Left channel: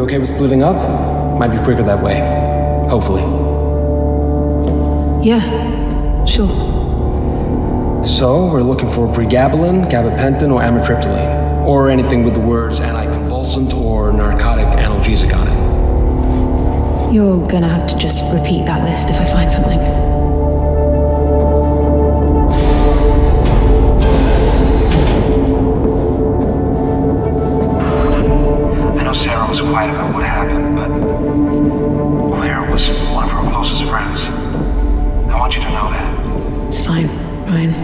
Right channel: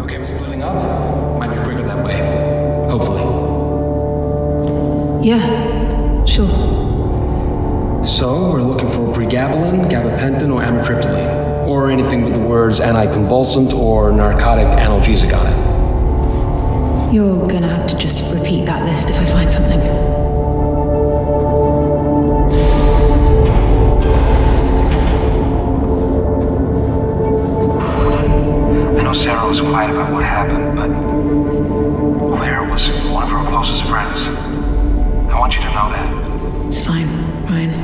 You okay with splitting up? Might be quicker that way. Hopefully. Yeah, sure. So, we're looking for pregabalin, gabapentin, or amitriptyline. Or anything with the words anticonvulsant or narcotic analgesic on it. You're gonna have to just repeat that list if I find something. I know Sarah was quiet about what happened, but Claire was one of her closest friends. I want you to know that. It's fine, Ryan.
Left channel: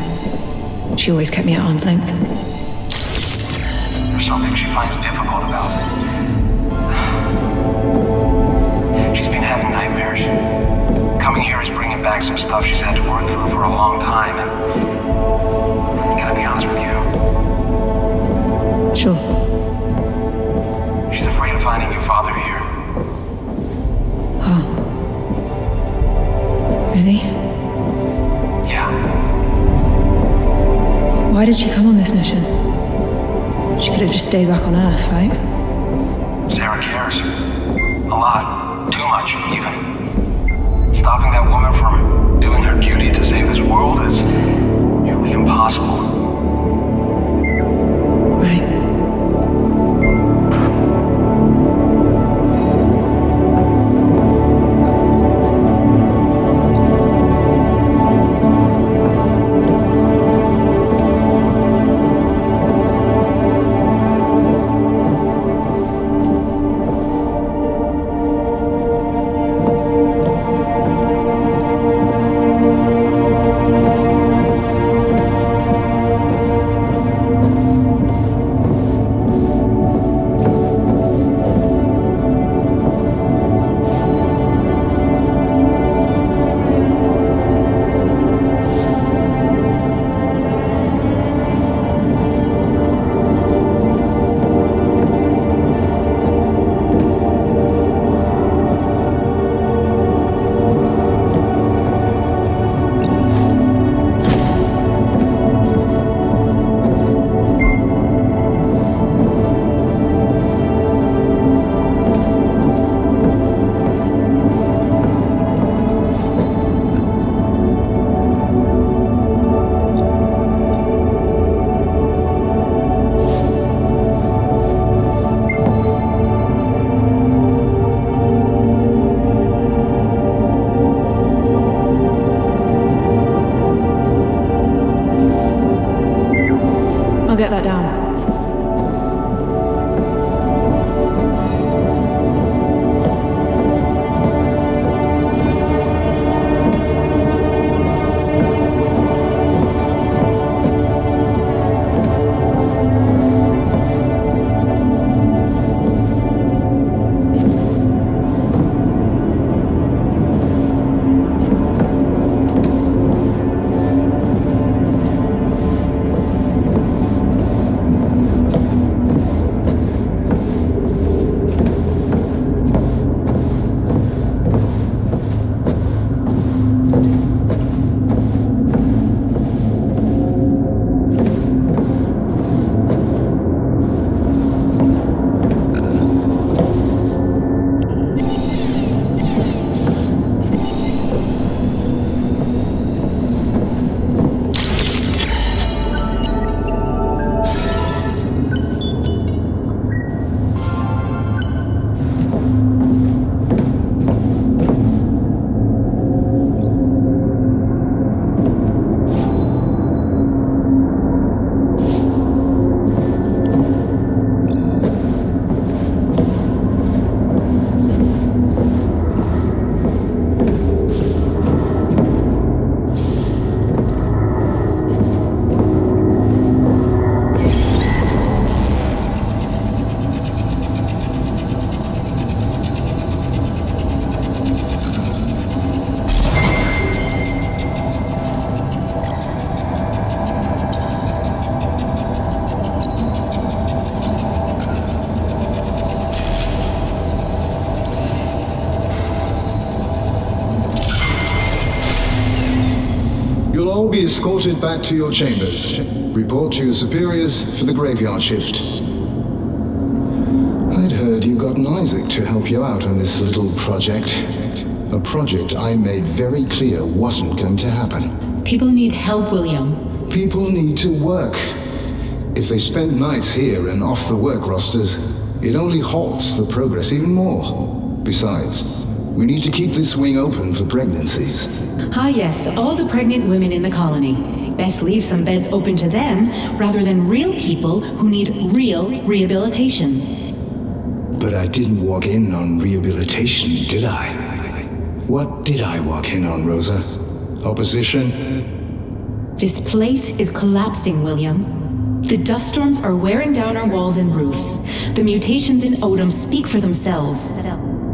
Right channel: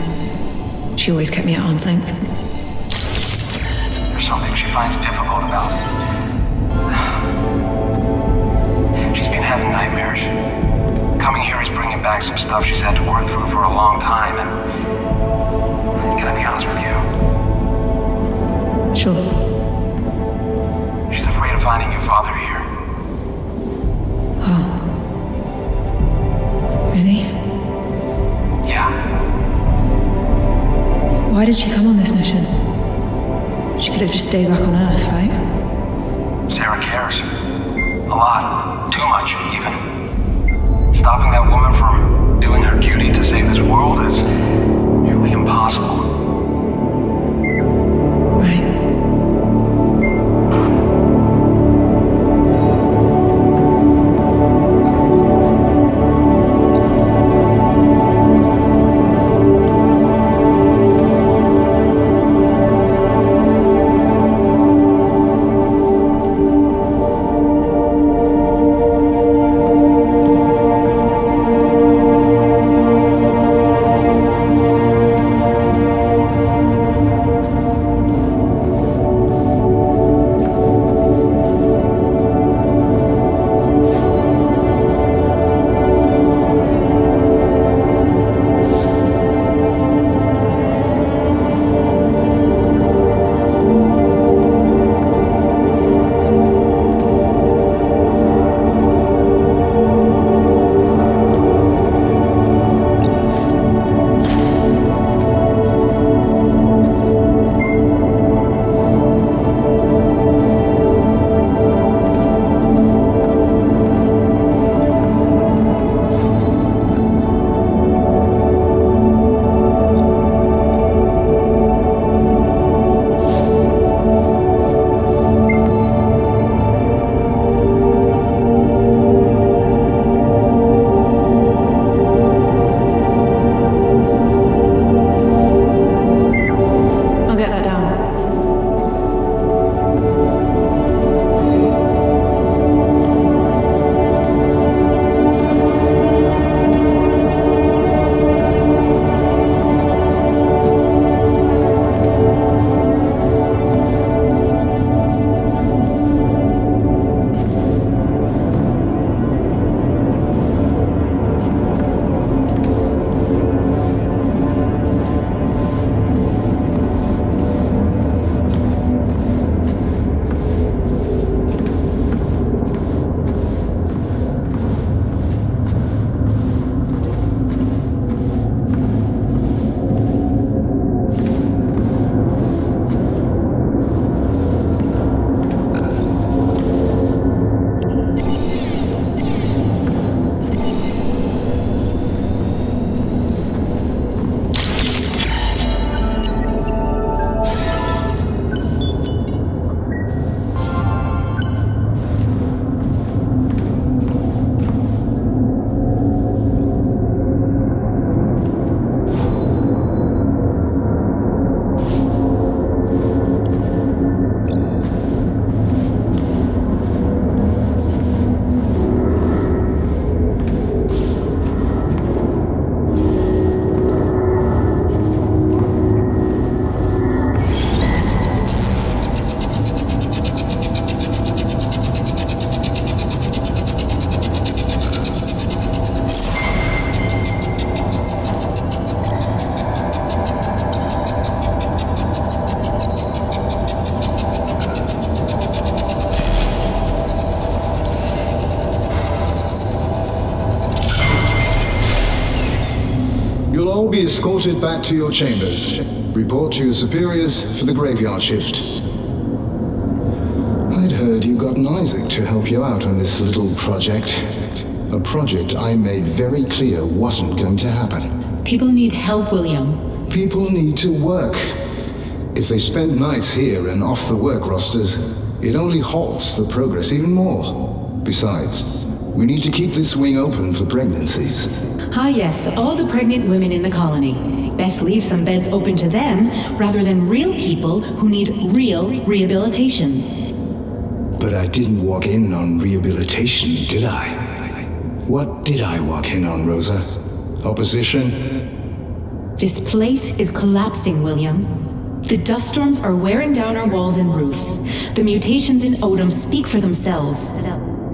She always kept me at arm's length. There's something she finds difficult about it. She's been having nightmares. Coming here is bringing back some stuff she's had to work through for a long time, and I gotta be honest with you. Sure. She's afraid of finding your father here. Oh. Really? Yeah. Why did she come on this mission? She could have just stayed back on Earth, right? Sarah cares. A lot. Too much, even. Stopping that woman from doing her duty to save this world is nearly impossible. Right. I'll get that down. You'll all be escorted back to your chambers. Report to your superiors for the graveyard shift. I'd heard you gotten Isaac to help you out on this little project. A project I made very clear wasn't going to happen. People need help, William. People need to work. If they spend nights here and off the work rosters, it only halts the progress even more. Besides, we need to keep this wing open for pregnancies. Ah yes, all the pregnant women in the colony. Best leave some beds open to them, rather than real people who need real rehabilitation. But I didn't walk in on rehabilitation, did I? What did I walk in on, Rosa? Opposition? This place is collapsing, William. The dust storms are wearing down our walls and roofs. The mutations in Odom speak for themselves.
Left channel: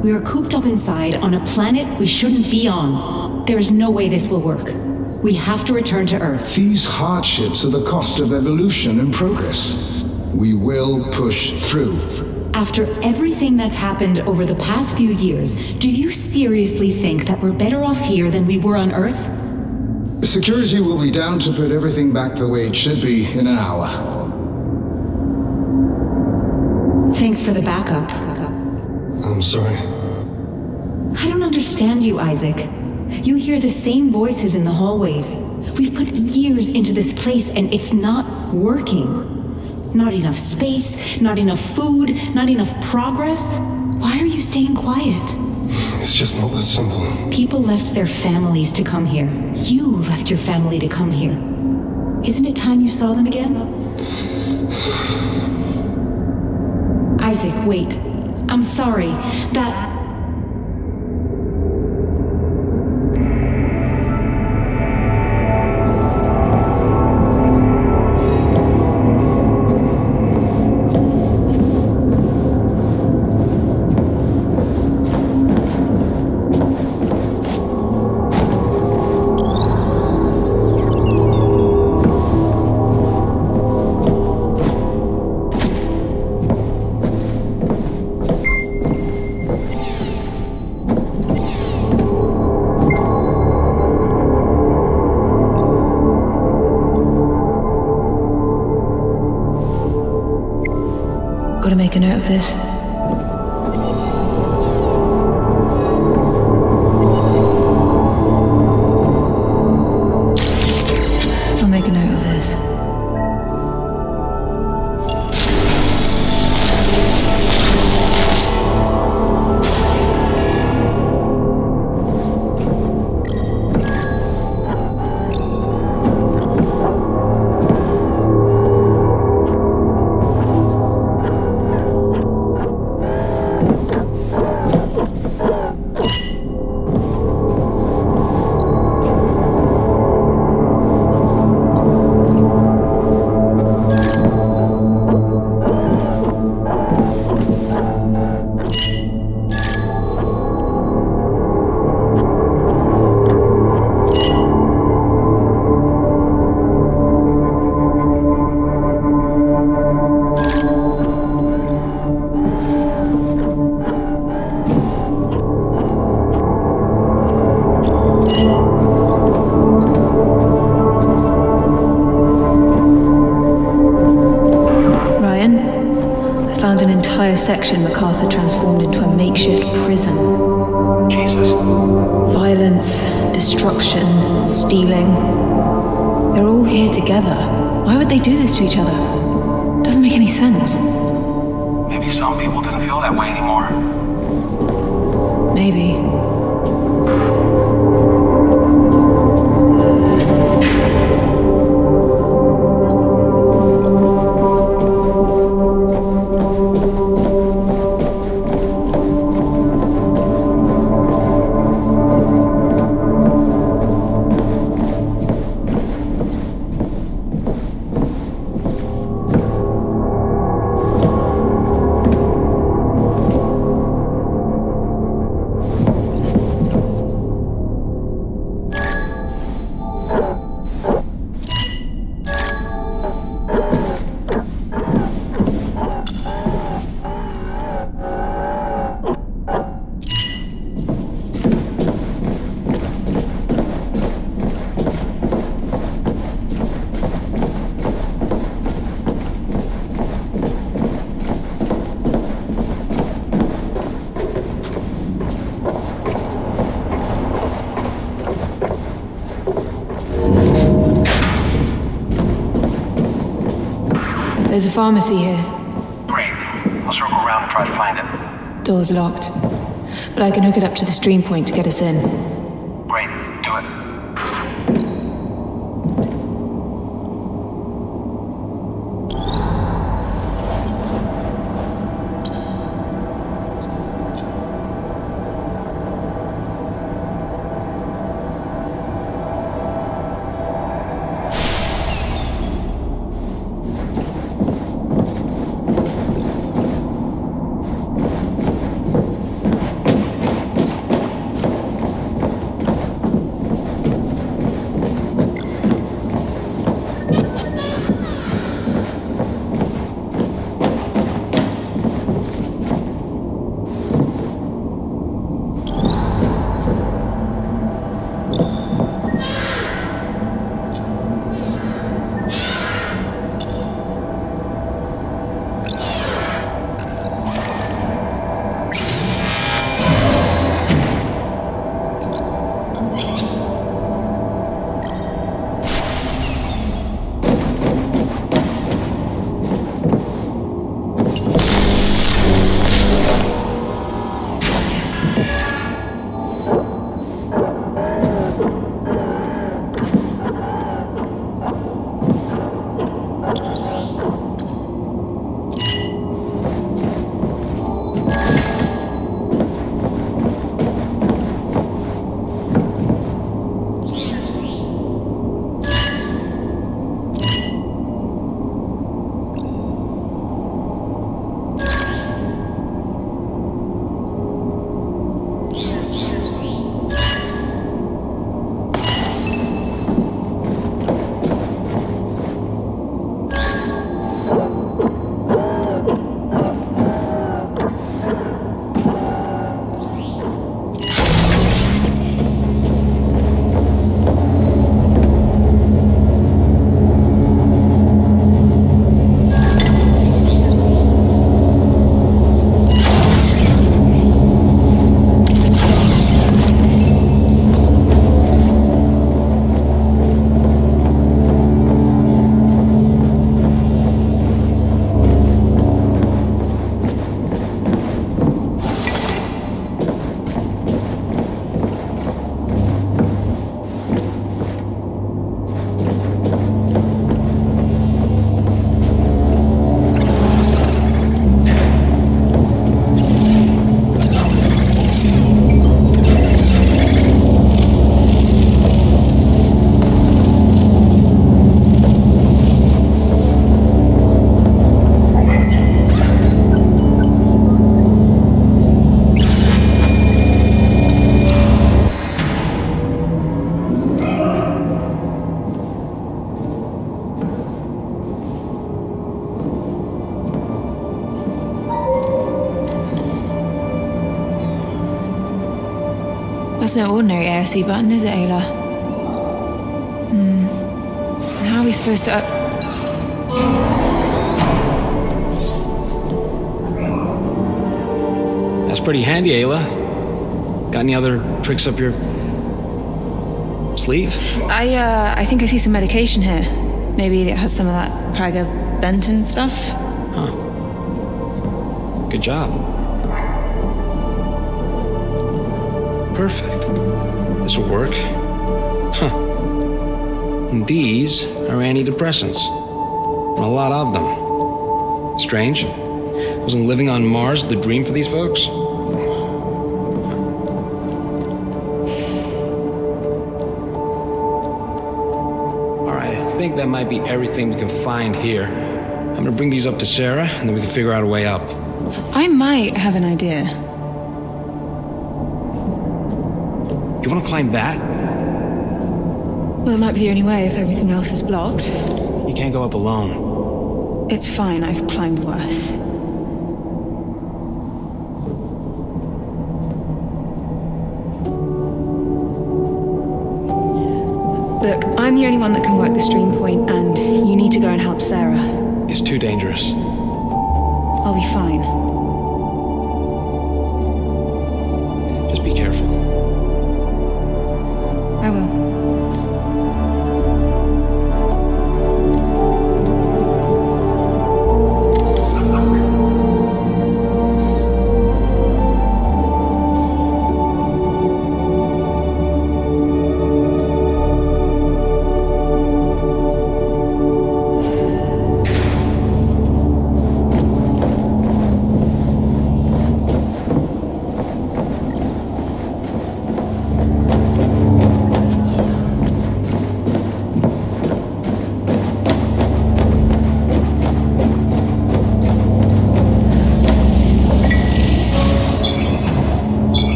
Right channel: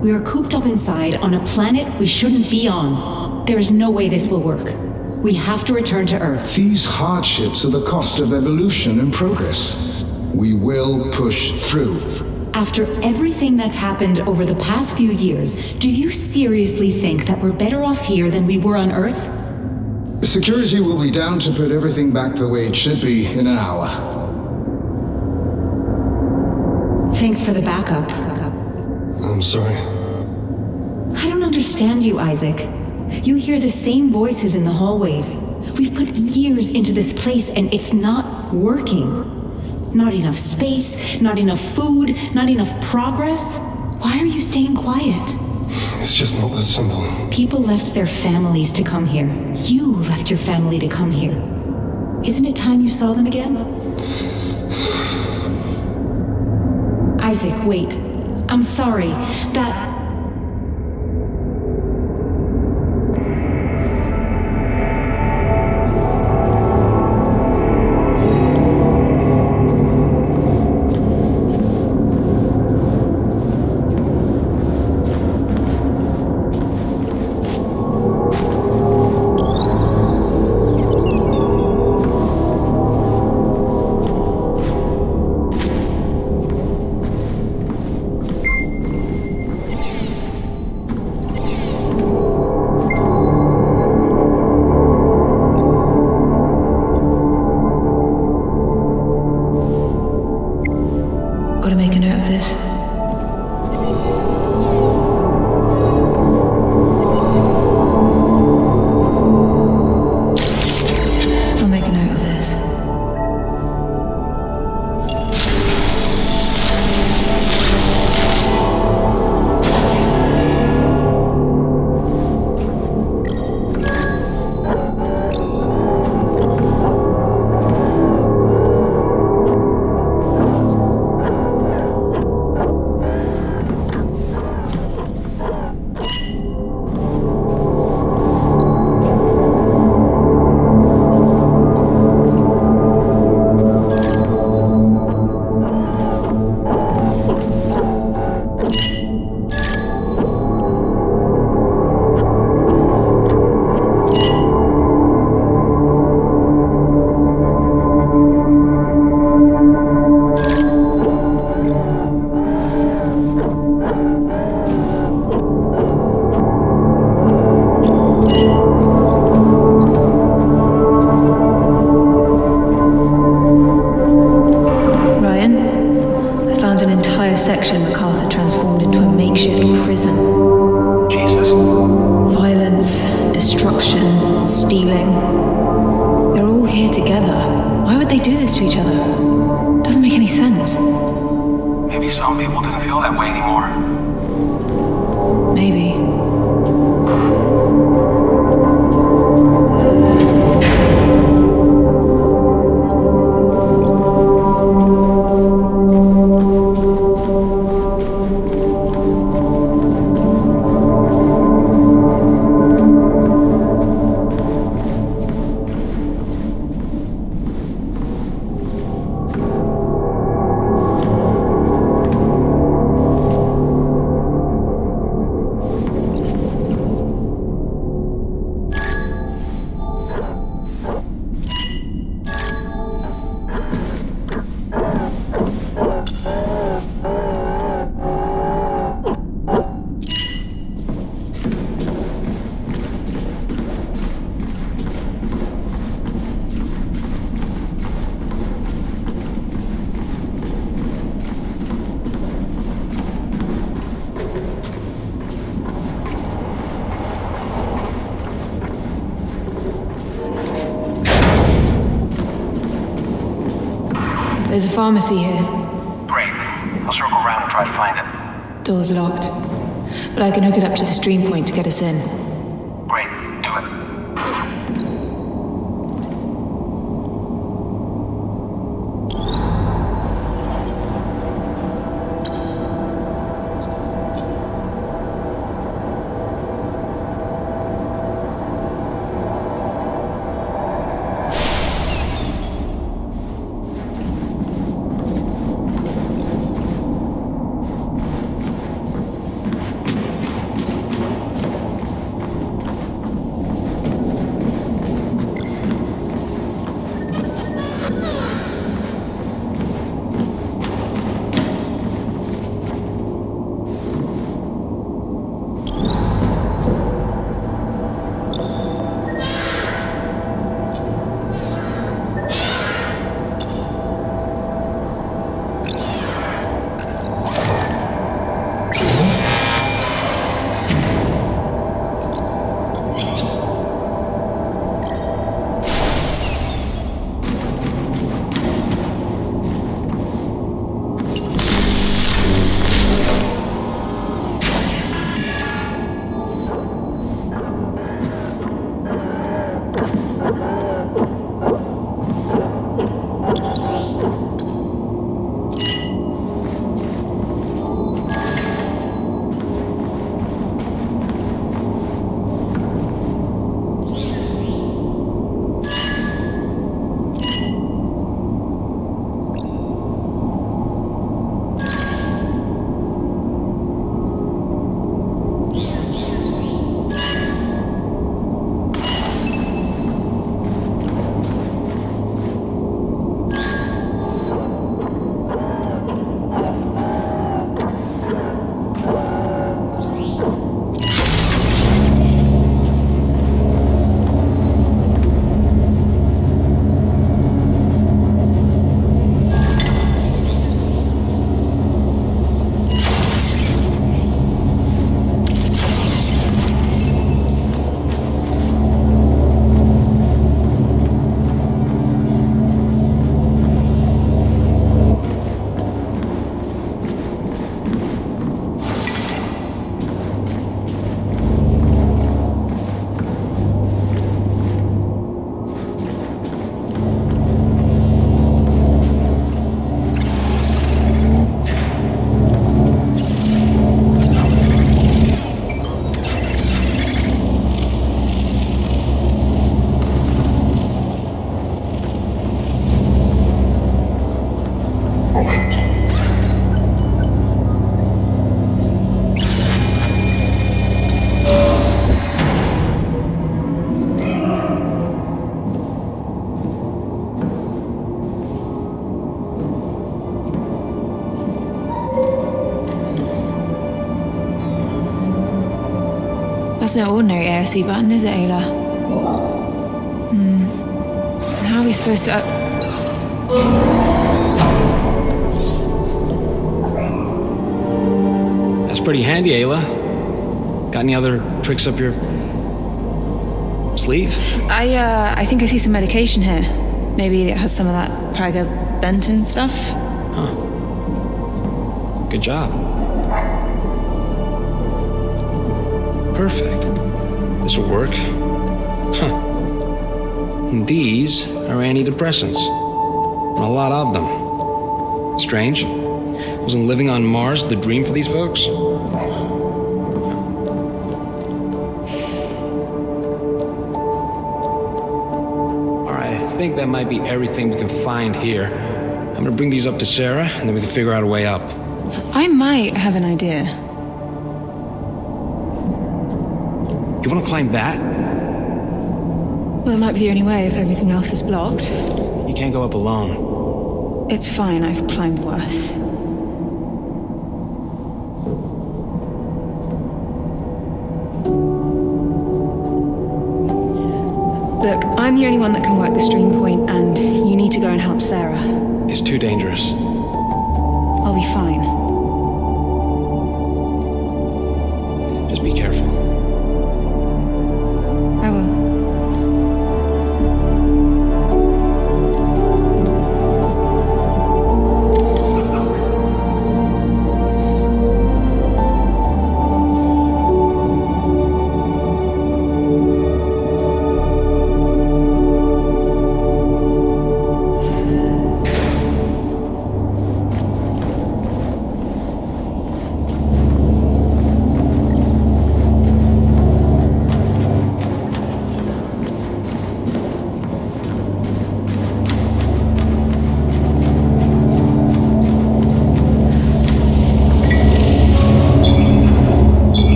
We are cooped up inside on a planet we shouldn't be on. There is no way this will work. We have to return to Earth. These hardships are the cost of evolution and progress. We will push through. After everything that's happened over the past few years, do you seriously think that we're better off here than we were on Earth? Security will be down to put everything back the way it should be in an hour. Thanks for the backup. I'm sorry. I don't understand you, Isaac. You hear the same voices in the hallways. We've put years into this place and it's not working. Not enough space, not enough food, not enough progress. Why are you staying quiet? It's just not that simple. People left their families to come here. You left your family to come here. Isn't it time you saw them again? Isaac, wait. I'm sorry. That... Gotta make a note of this. I'll make a note of this. Ryan, I found an entire section MacArthur transformed into a makeshift prison. Jesus. Violence, destruction, stealing. They're all here together. Why would they do this to each other? Doesn't make any sense. Maybe some people didn't feel that way anymore. Maybe. There's a pharmacy here. Great. I'll circle around and try to find it. Door's locked. But I can hook it up to the stream point to get us in. Great. Do it. That's no ordinary ASC button, is it, Ayla? How are we supposed to... That's pretty handy, Ayla. Got any other tricks up your sleeve? I think I see some medication here. Maybe it has some of that Praga-Benton stuff. Huh. Good job. Perfect. This will work. Huh. And these are antidepressants. And a lot of them. Strange. Wasn't living on Mars the dream for these folks? Alright, I think that might be everything we can find here. I'm gonna bring these up to Sarah, and then we can figure out a way up. I might have an idea. You wanna climb that? Well, it might be the only way if everything else is blocked. You can't go up alone. It's fine, I've climbed worse. Look, I'm the only one that can work the stream point, and you need to go and help Sarah. It's too dangerous. I'll be fine. Just be careful. I will.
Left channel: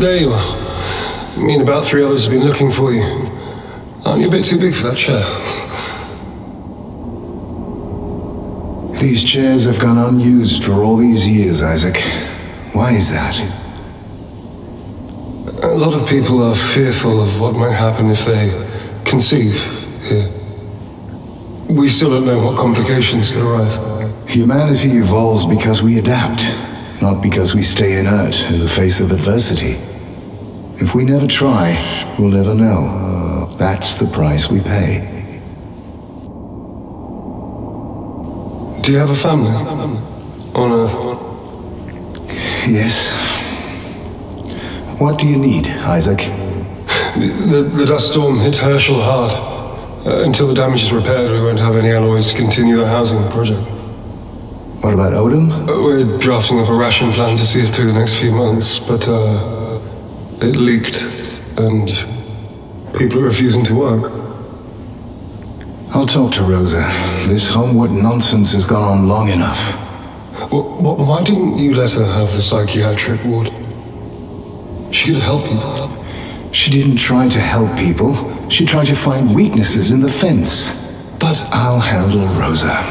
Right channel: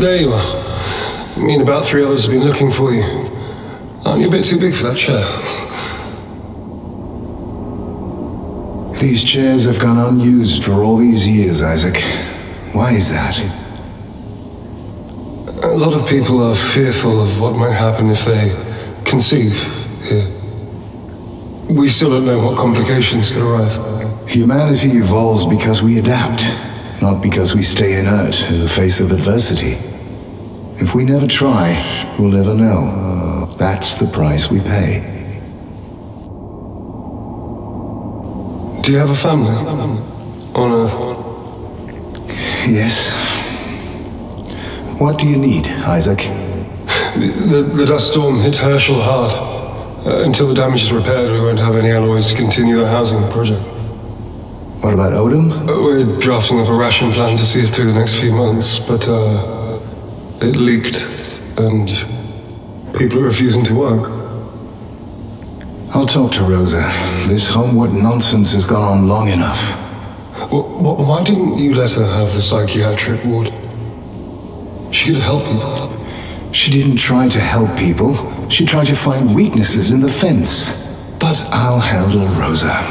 There you are. Me and about 3 others have been looking for you. Aren't you a bit too big for that chair? These chairs have gone unused for all these years, Isaac. Why is that? A lot of people are fearful of what might happen if they conceive here. We still don't know what complications could arise. Humanity evolves because we adapt, not because we stay inert in the face of adversity. If we never try, we'll never know. That's the price we pay. Do you have a family on Earth? Yes. What do you need, Isaac? The dust storm hit Herschel hard. Until the damage is repaired, we won't have any alloys to continue the housing project. What about Odom? We're drafting up a ration plan to see us through the next few months, but it leaked, and people are refusing to work. I'll talk to Rosa. This homework nonsense has gone on long enough. Why didn't you let her have the psychiatric ward? She could help people. She didn't try to help people. She tried to find weaknesses in the fence. But I'll handle Rosa.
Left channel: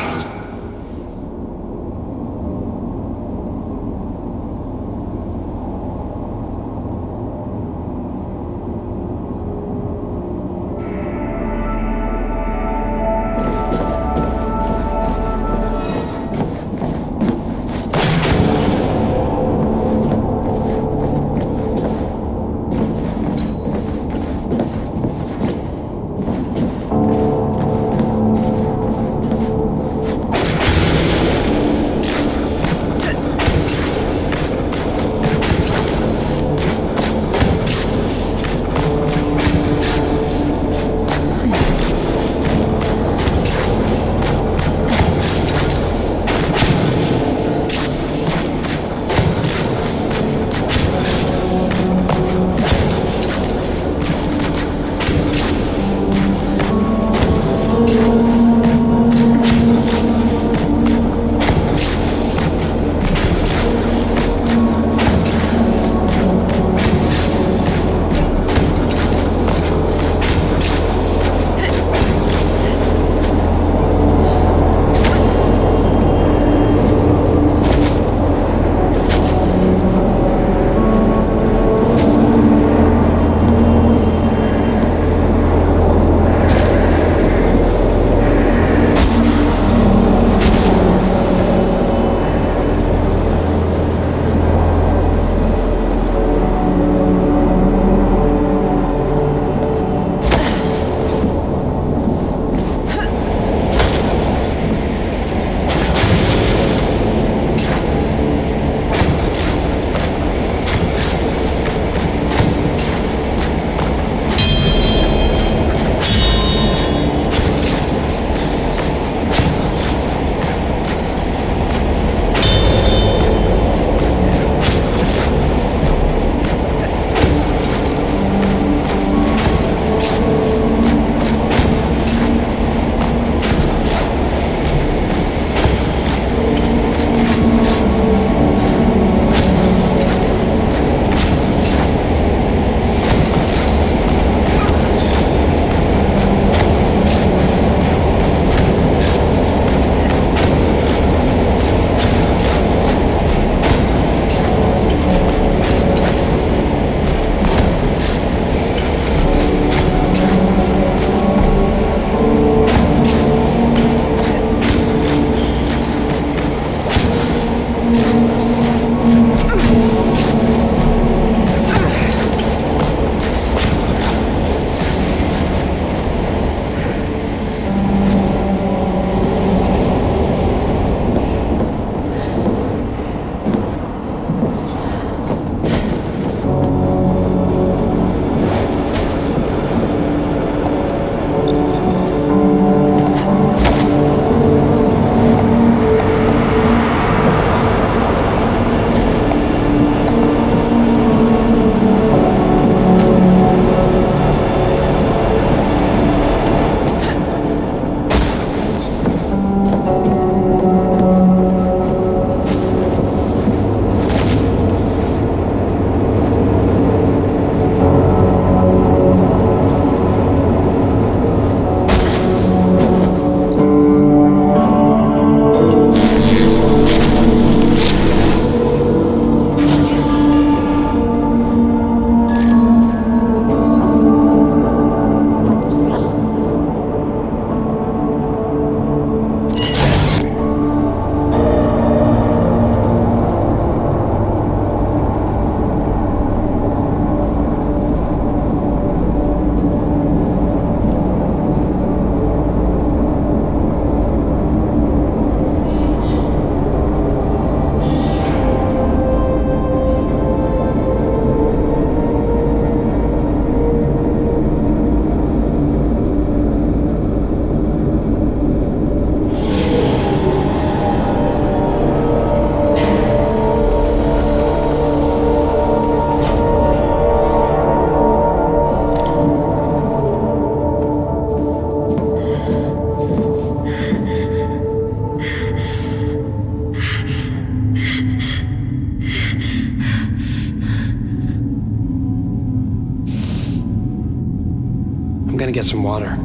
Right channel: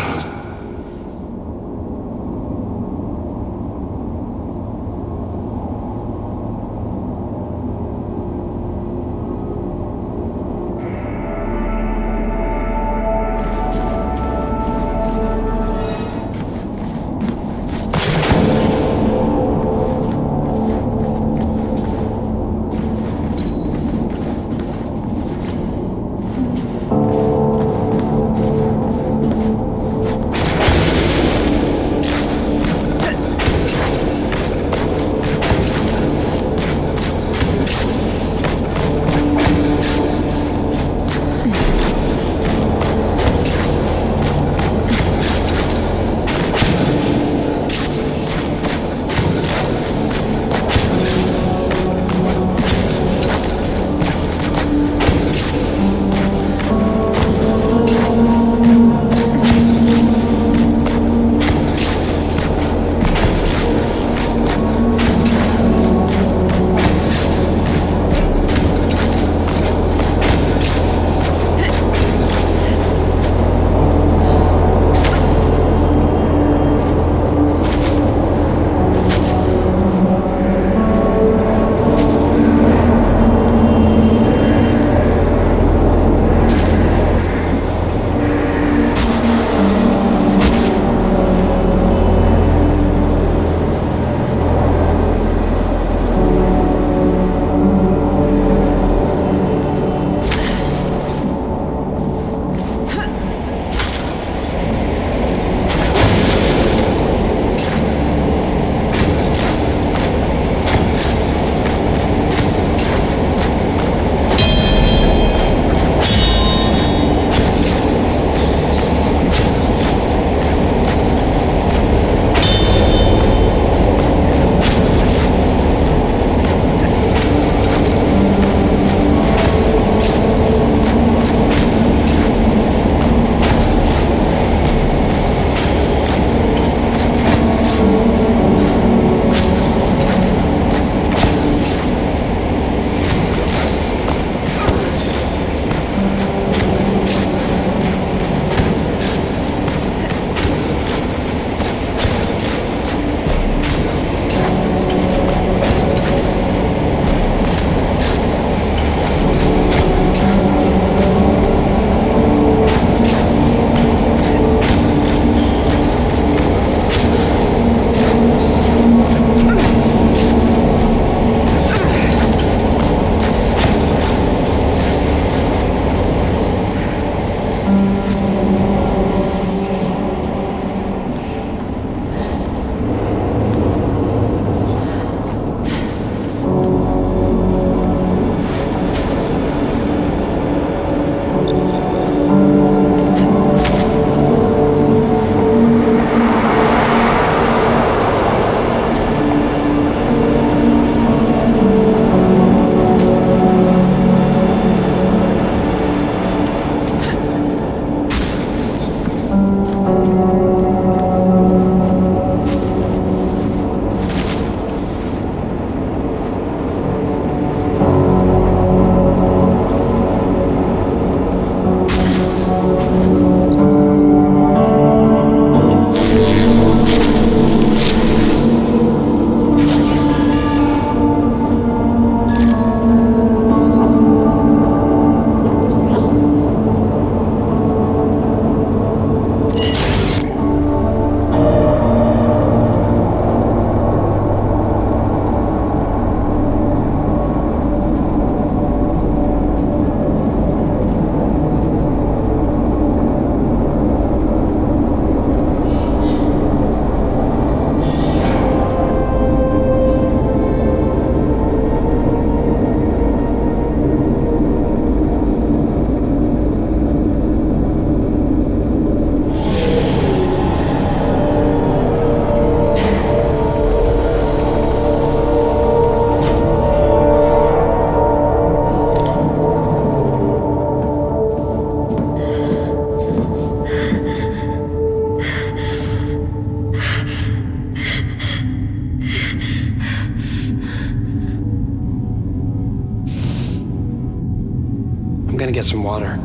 gonna get some water.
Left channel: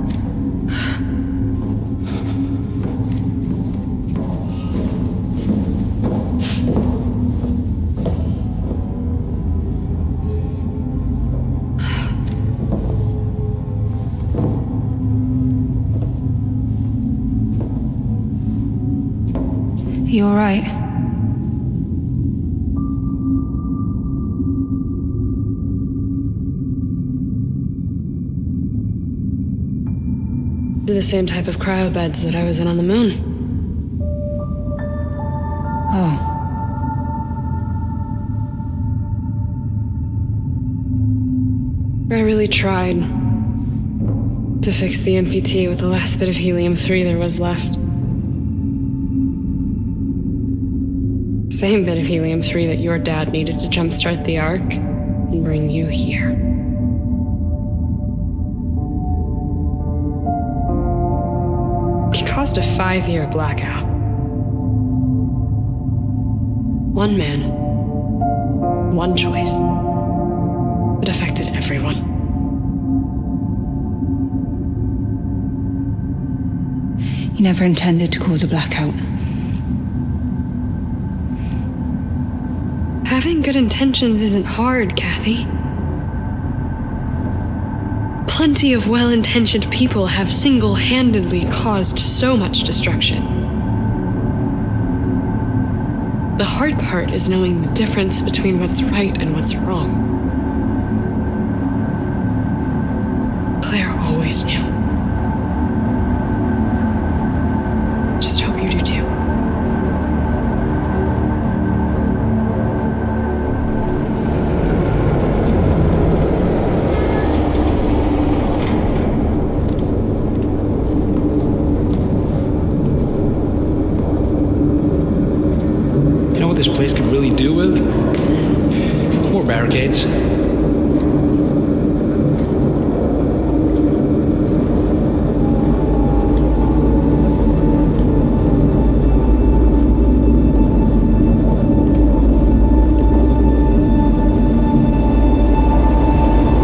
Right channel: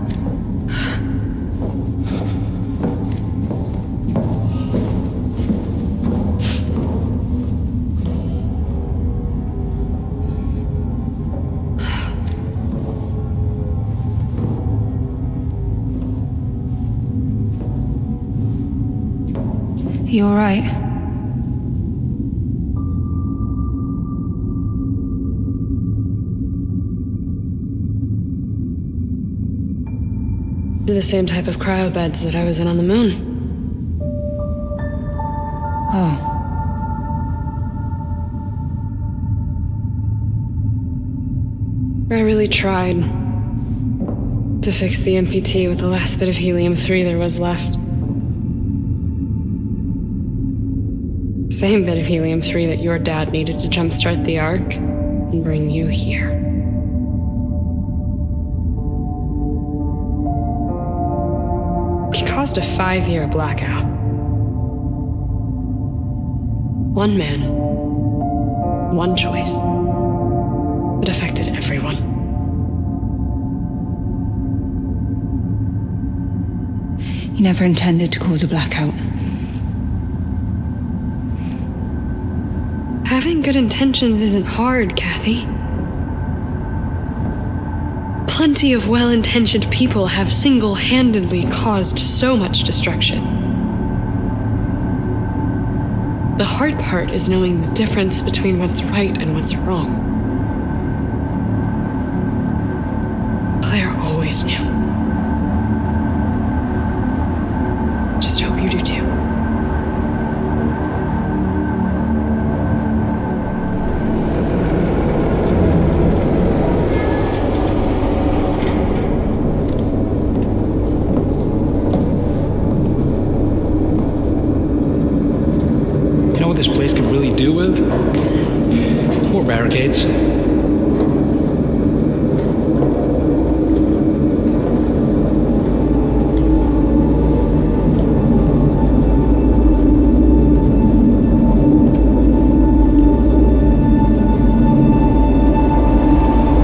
You all right? They're the same type of cryobeds that I was in on the moon. Oh. I really tried to fix the MPT with the last bit of helium-3 there was left. Same bit of helium-3 that your dad needed to jumpstart the Ark and bring you here. He caused a 5-year blackout. One man, one choice. It affected everyone. He never intended to cause a blackout. Having good intentions isn't hard, Kathy. Plenty of well-intentioned people have single-handedly caused so much destruction. The hard part is knowing the difference between what's right and what's wrong. Claire always knew. Just hope you do too. You know what this place could really do with? More barricades.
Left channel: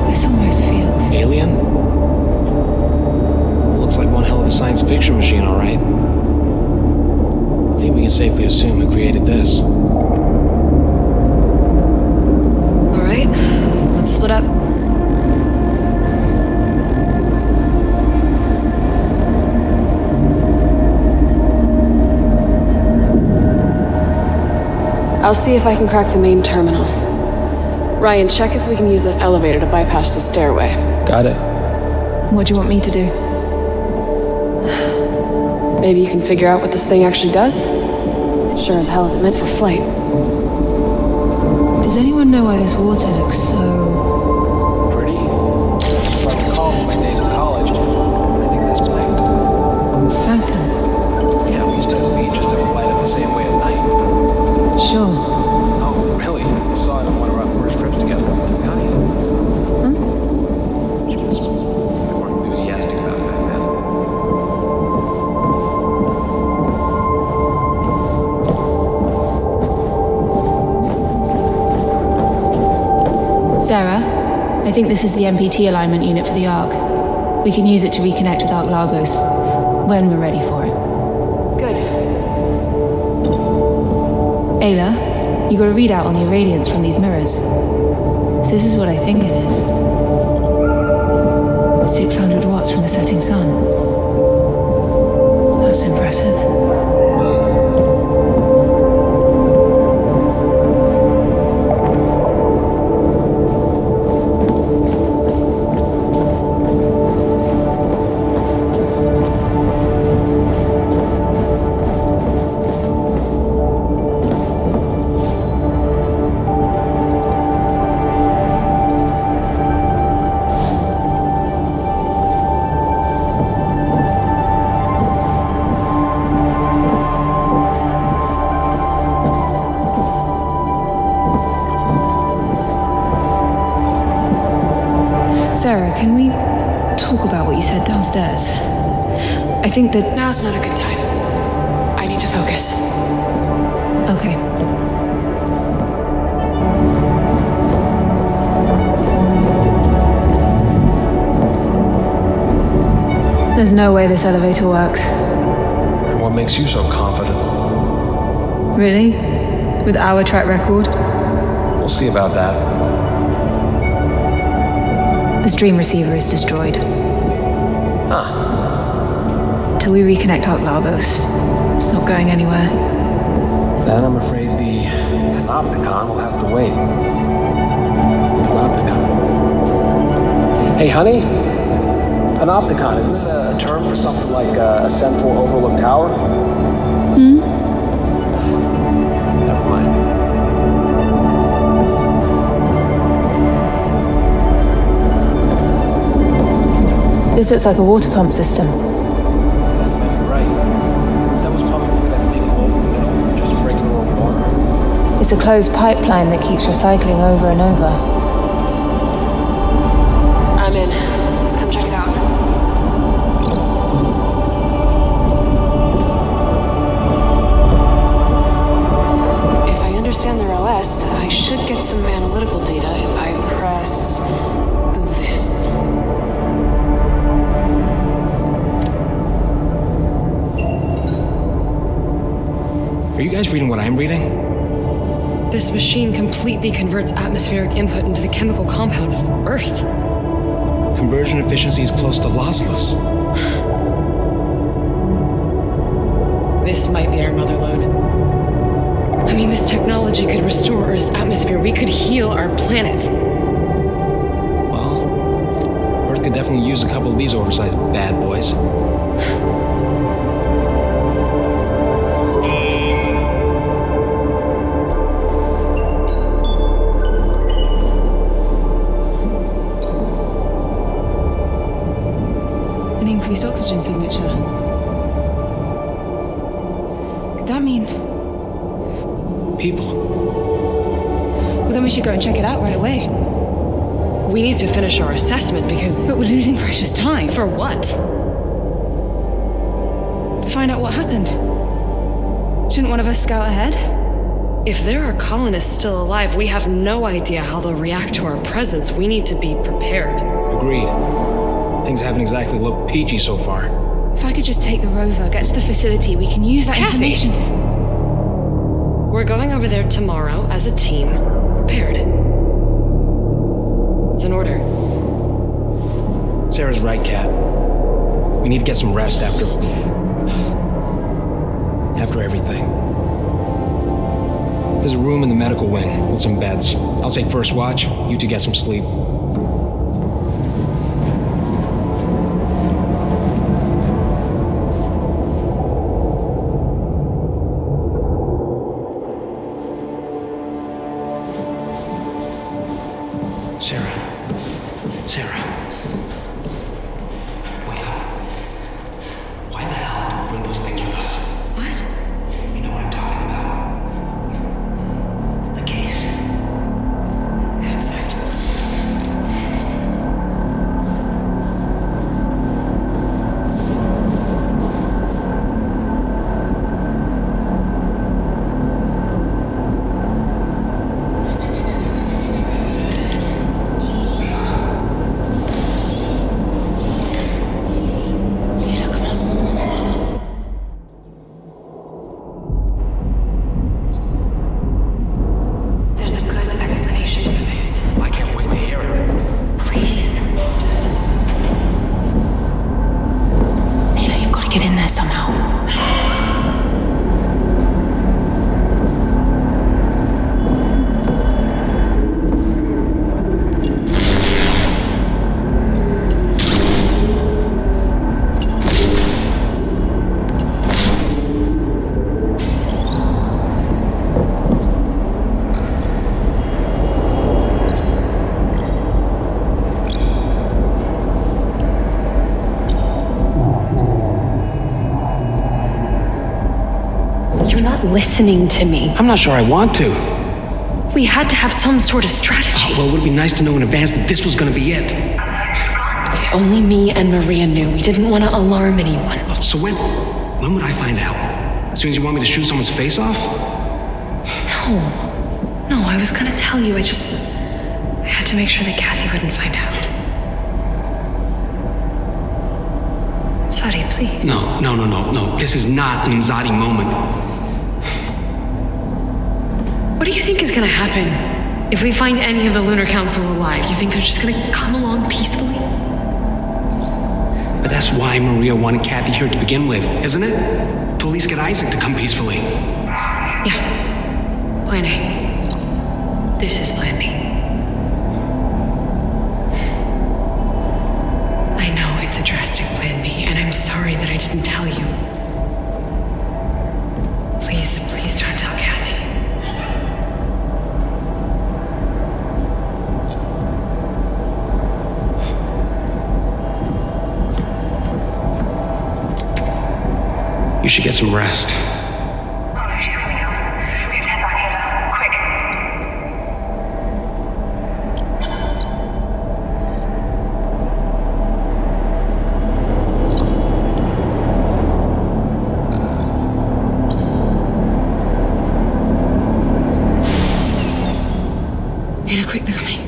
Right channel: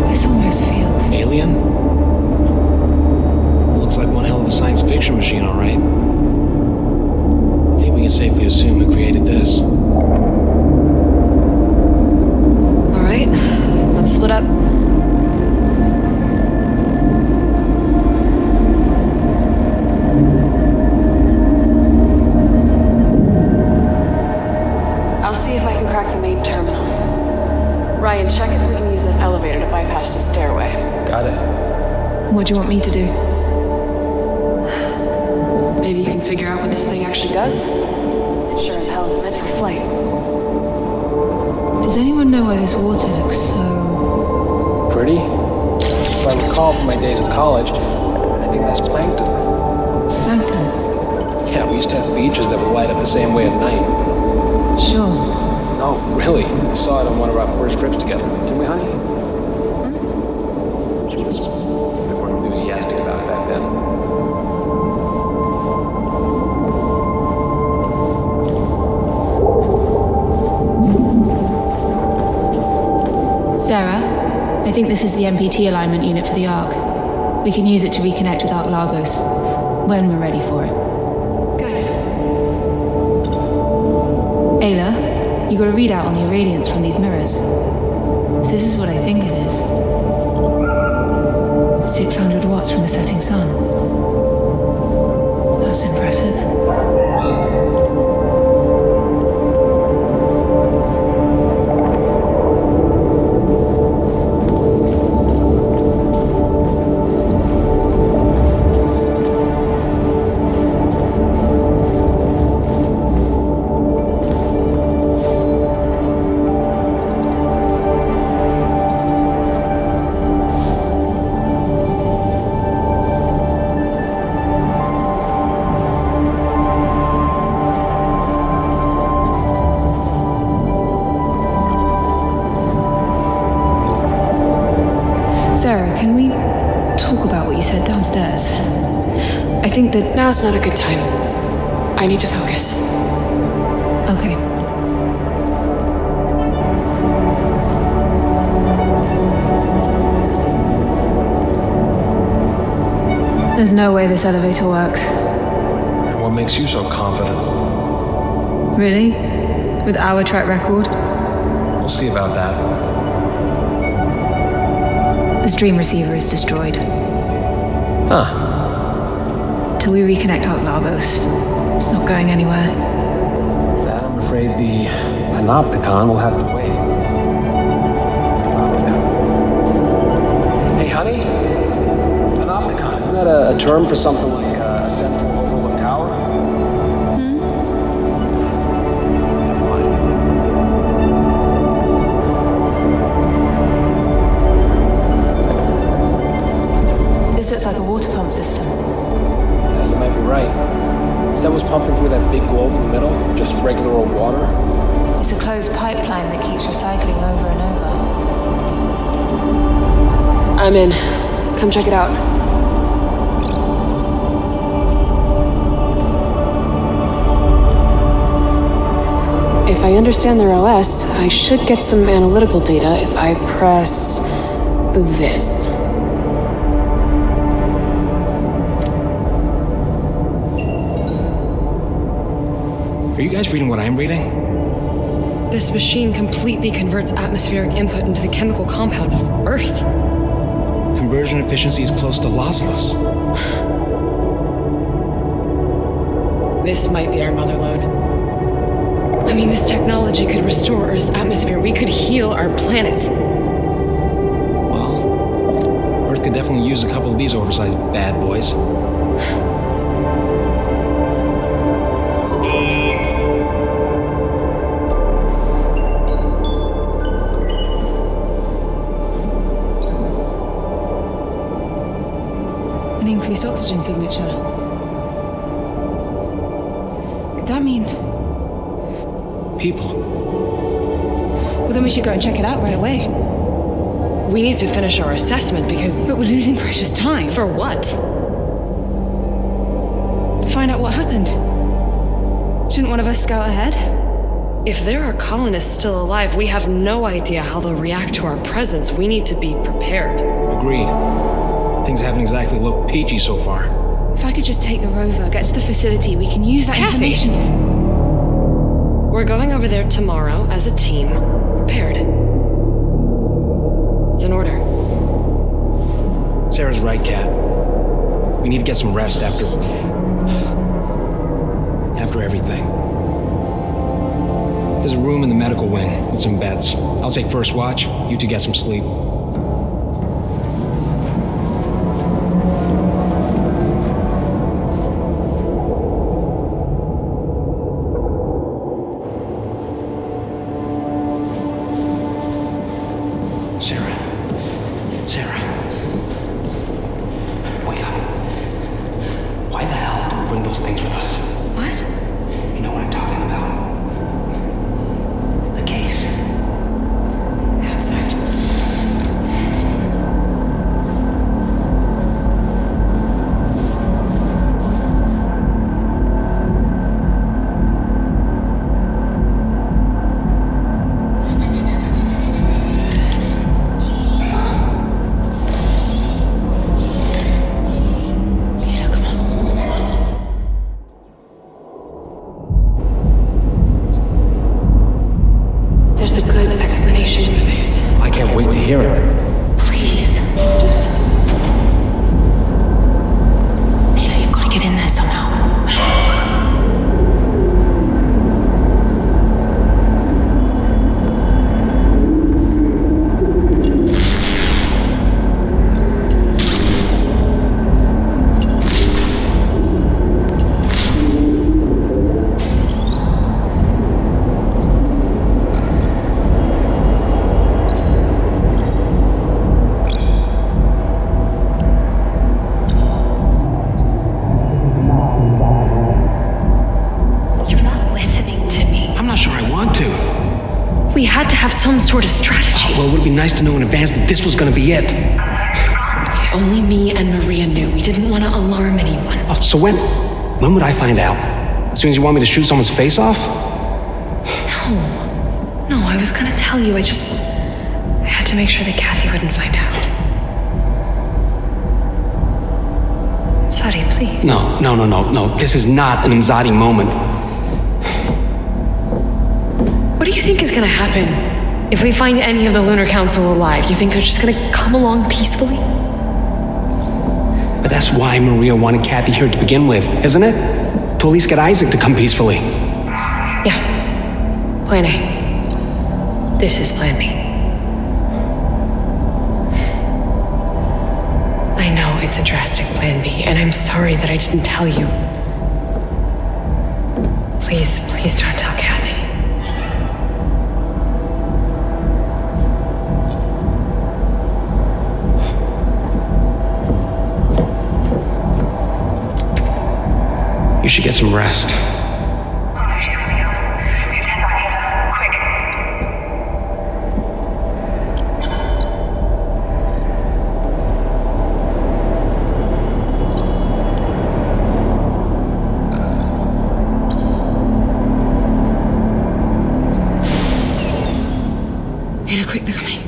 This almost feels... Alien? Looks like one hell of a science fiction machine, all right. I think we can safely assume who created this. All right, let's split up. I'll see if I can crack the main terminal. Ryan, check if we can use that elevator to bypass the stairway. Got it. What do you want me to do? Maybe you can figure out what this thing actually does? Sure as hell isn't meant for flight. Does anyone know why this water looks so... Pretty? If I recall from my days at college, I think that's plankton. Plankton? Yeah, we used to have beaches that would light up the same way at night. Sure. No, really. We saw it on one of our first trips together. Can we hug you? She was a bit more enthusiastic about it back then. Sarah, I think this is the MPT alignment unit for the Ark. We can use it to reconnect with Ark Lagos when we're ready for it. Good. Ayla, you got a readout on the irradiance from these mirrors. If this is what I think it is... 600 watts from a setting sun. That's impressive. Sarah, can we talk about what you said downstairs? I think that... Now's not a good time. I need to focus. Okay. There's no way this elevator works. And what makes you so confident? Really? With our track record? We'll see about that. The stream receiver is destroyed. Huh. Till we reconnect Arc Labos, it's not going anywhere. And I'm afraid the Panopticon will have to wait. Panopticon. Hey, honey? Panopticon, isn't that a term for something like a central overlook tower? Never mind. This looks like a water pump system. You might be right. Is that what's pumping through that big globe in the middle? Just regular old water? It's a closed pipeline that keeps recycling over and over. I'm in. Come check it out. If I understand their OS, I should get some analytical data if I press this. Are you guys reading what I'm reading? This machine completely converts atmospheric input into the chemical compound of Earth. Conversion efficiency is close to lossless. This might be our mother lode. I mean, this technology could restore Earth's atmosphere. We could heal our planet. Well, Earth could definitely use a couple of these oversized bad boys. An increased oxygen signature. Could that mean... People. Well, then we should go and check it out right away. We need to finish our assessment because... But we're losing precious time. For what? To find out what happened. Shouldn't one of us scout ahead? If there are colonists still alive, we have no idea how they'll react to our presence. We need to be prepared. Agreed. Things haven't exactly looked peachy so far. If I could just take the rover, get to the facility, we can use that Kathy. information. We're going over there tomorrow as a team, prepared. It's an order. Sarah's right, Kat. We need to get some rest after everything. There's a room in the medical wing with some beds. I'll take first watch. You two get some sleep. Sarah. Wake up. Why the hell did we bring those things with us? What? You know what I'm talking about. The case. Outside. Listening to me. I'm not sure I want to. We had to have some sort of strategy. Well, it would be nice to know in advance that this was going to be it. Only me and Maria knew. We didn't want to alarm anyone. Oh, so when would I find out? As soon as you want me to shoot someone's face off? No, I was gonna tell you. I had to make sure that Kathy wouldn't find out. Sorry, please. No. This is not an Imzadi moment. What do you think is gonna happen if we find any of the Lunar Council alive? You think they're just gonna come along peacefully? But that's why Maria wanted Kathy here to begin with, isn't it? To at least get Isaac to come peacefully. Yeah. Plan A. This is Plan B. I know it's a drastic Plan B, and I'm sorry that I didn't tell you. Please don't tell Kathy. You should get some rest. Oh no, she's coming out. We have to head back here. Quick. Ada, quick, they're coming.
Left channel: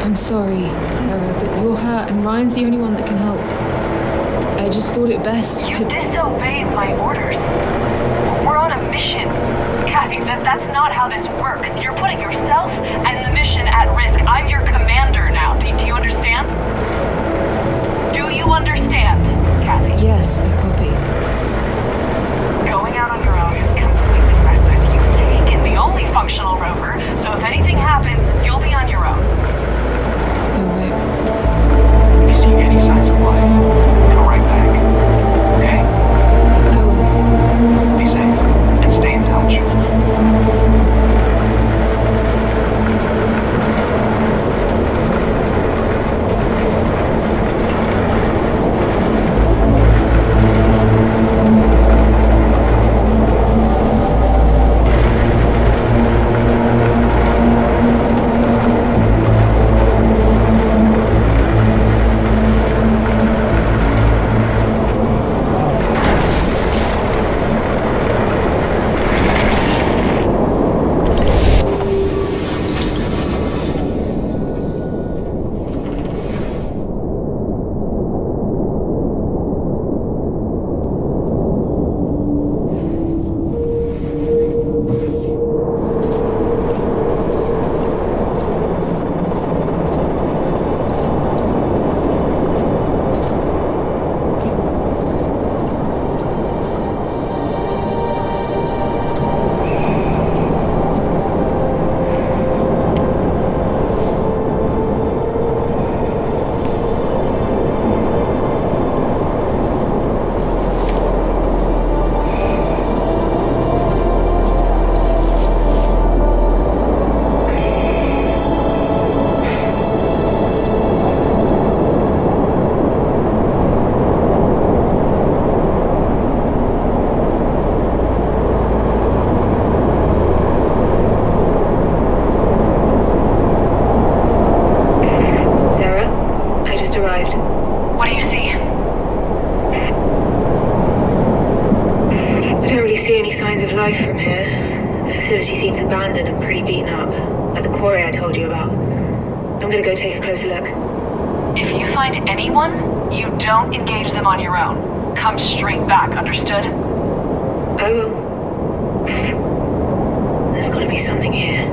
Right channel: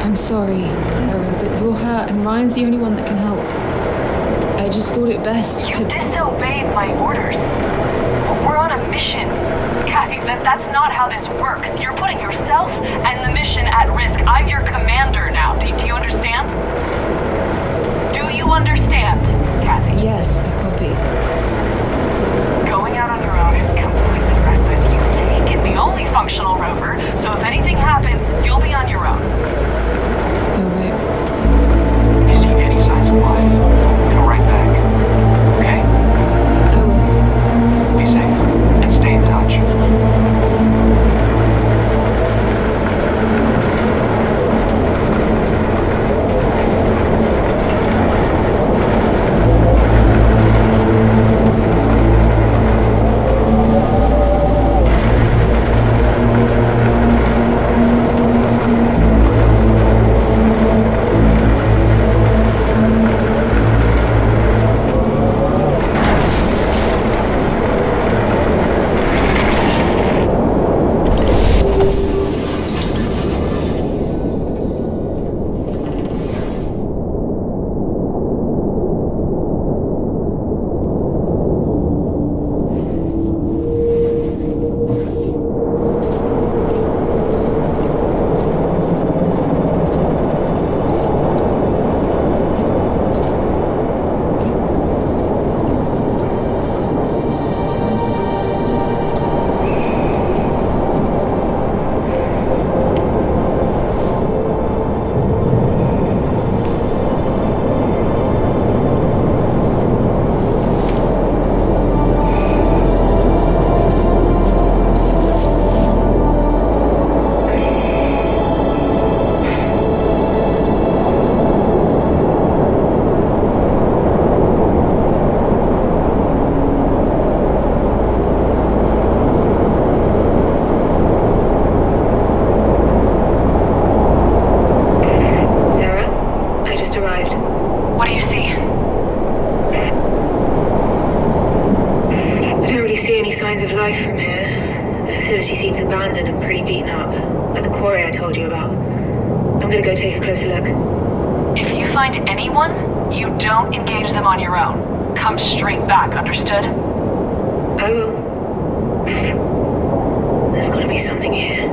I'm sorry, Sarah, but you're hurt and Ryan's the only one that can help. I just thought it best You to... disobeyed my orders. We're on a mission. Kathy, that's not how this works. You're putting yourself and the mission at risk. I'm your commander now. Do you understand? Do you understand, Kathy? Yes, I copy. Going out on your own is completely ridiculous. You've taken the only functional rover, so if anything happens, you'll be on your own. You're right. If you see any signs of life, come right back. Okay? I will. Be safe and stay in touch. Sarah, I just arrived. What do you see? I don't really see any signs of life from here. The facility seems abandoned and pretty beaten up, like the quarry I told you about. I'm gonna go take a closer look. If you find anyone, you don't engage them on your own. Come straight back, understood? I will. There's gotta be something here.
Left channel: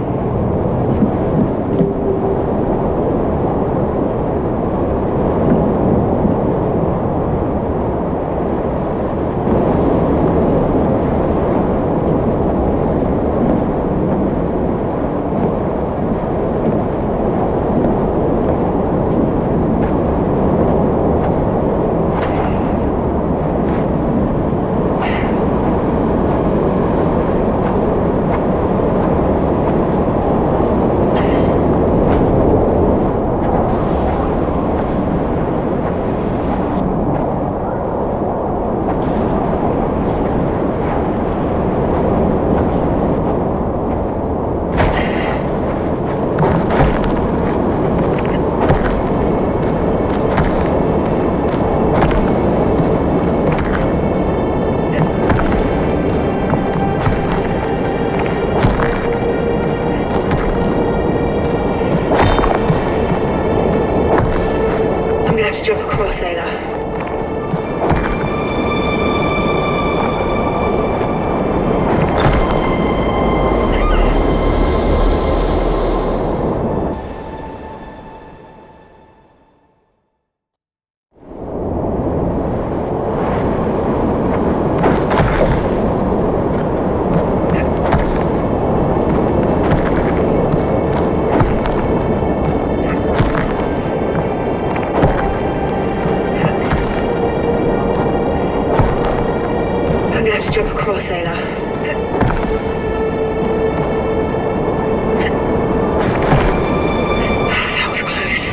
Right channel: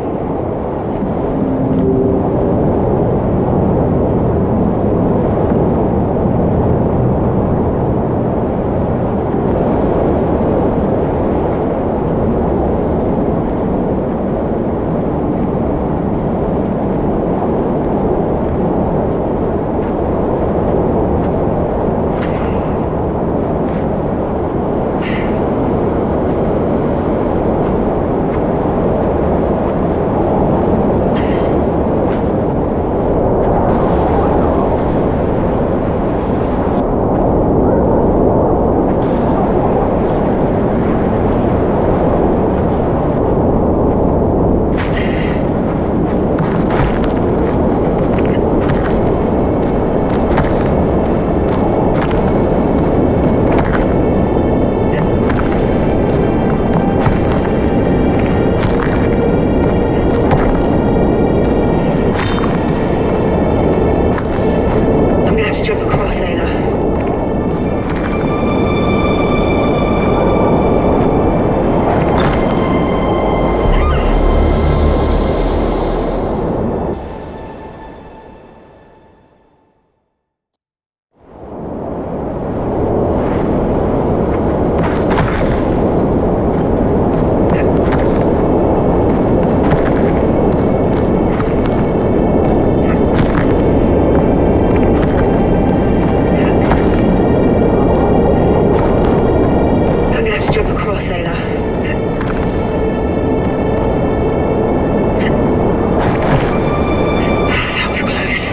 across, Ayla. I'm gonna have to jump across, Ayla. That was close.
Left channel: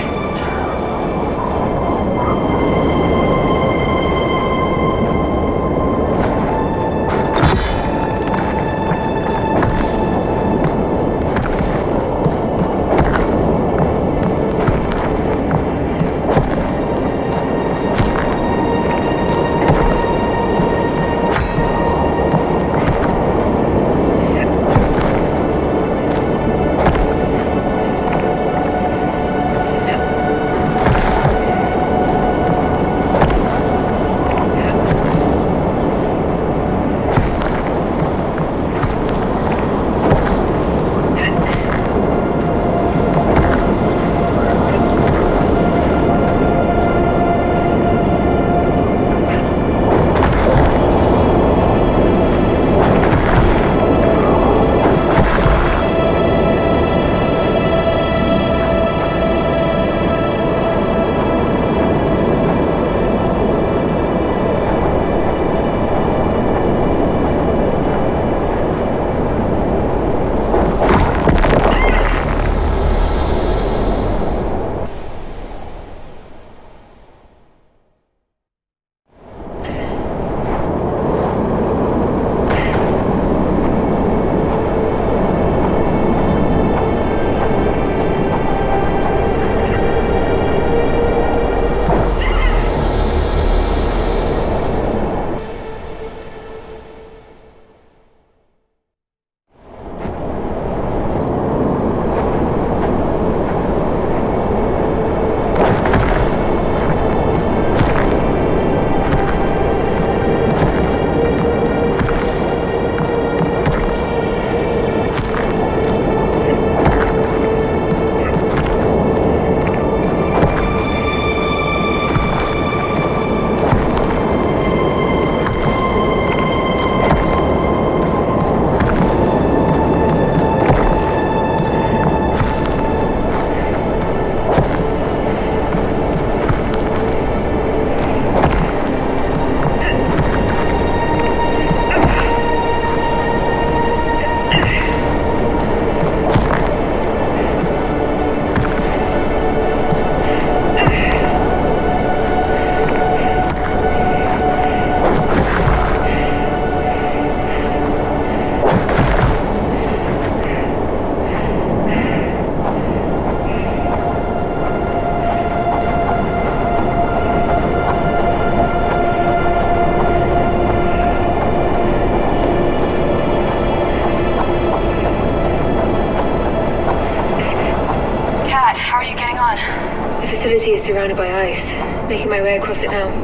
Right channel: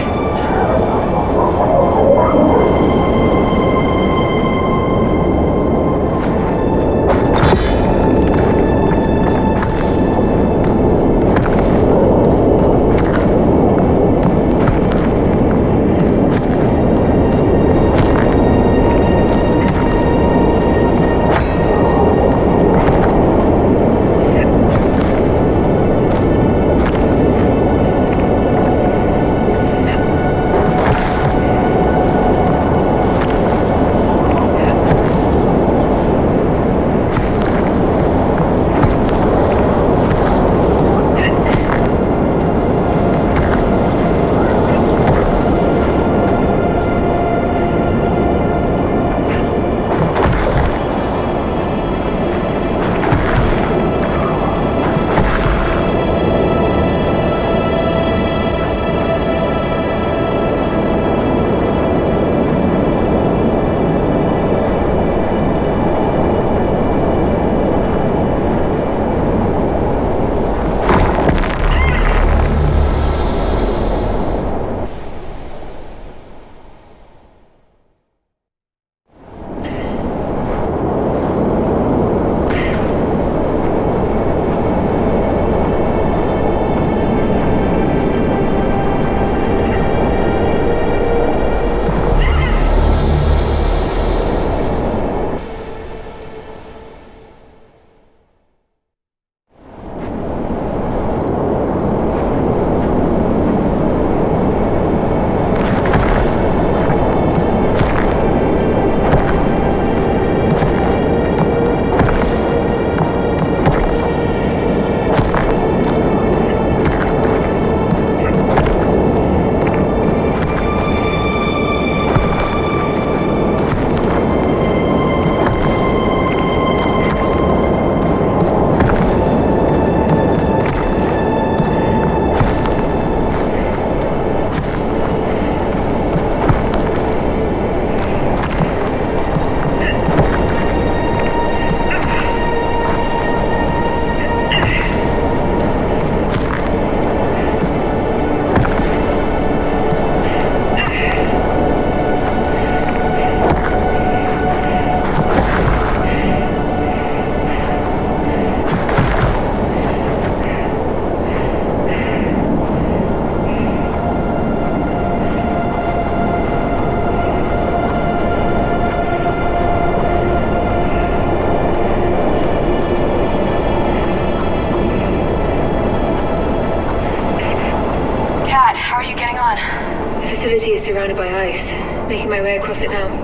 facility is surrounded by ice. Making my way across it now. Is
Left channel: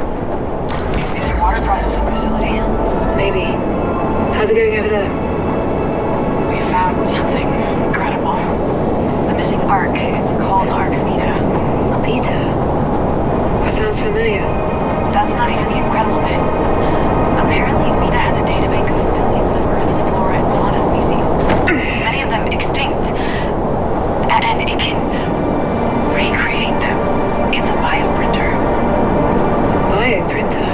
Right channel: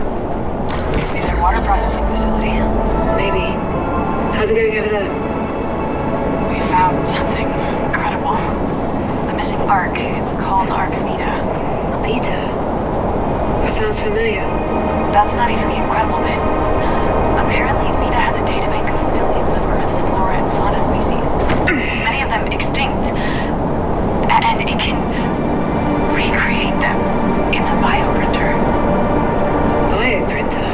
it a water processing facility? Maybe. How's it going over there? We found something incredible. The missing arc. It's called Arc Vita. Vita? That sounds familiar. That's not even the incredible bit. Apparently, Vita has a databank of millions of Earth's flora and fauna species. Many of them extinct. And it can recreate them. It's a bioprinter. A bioprinter?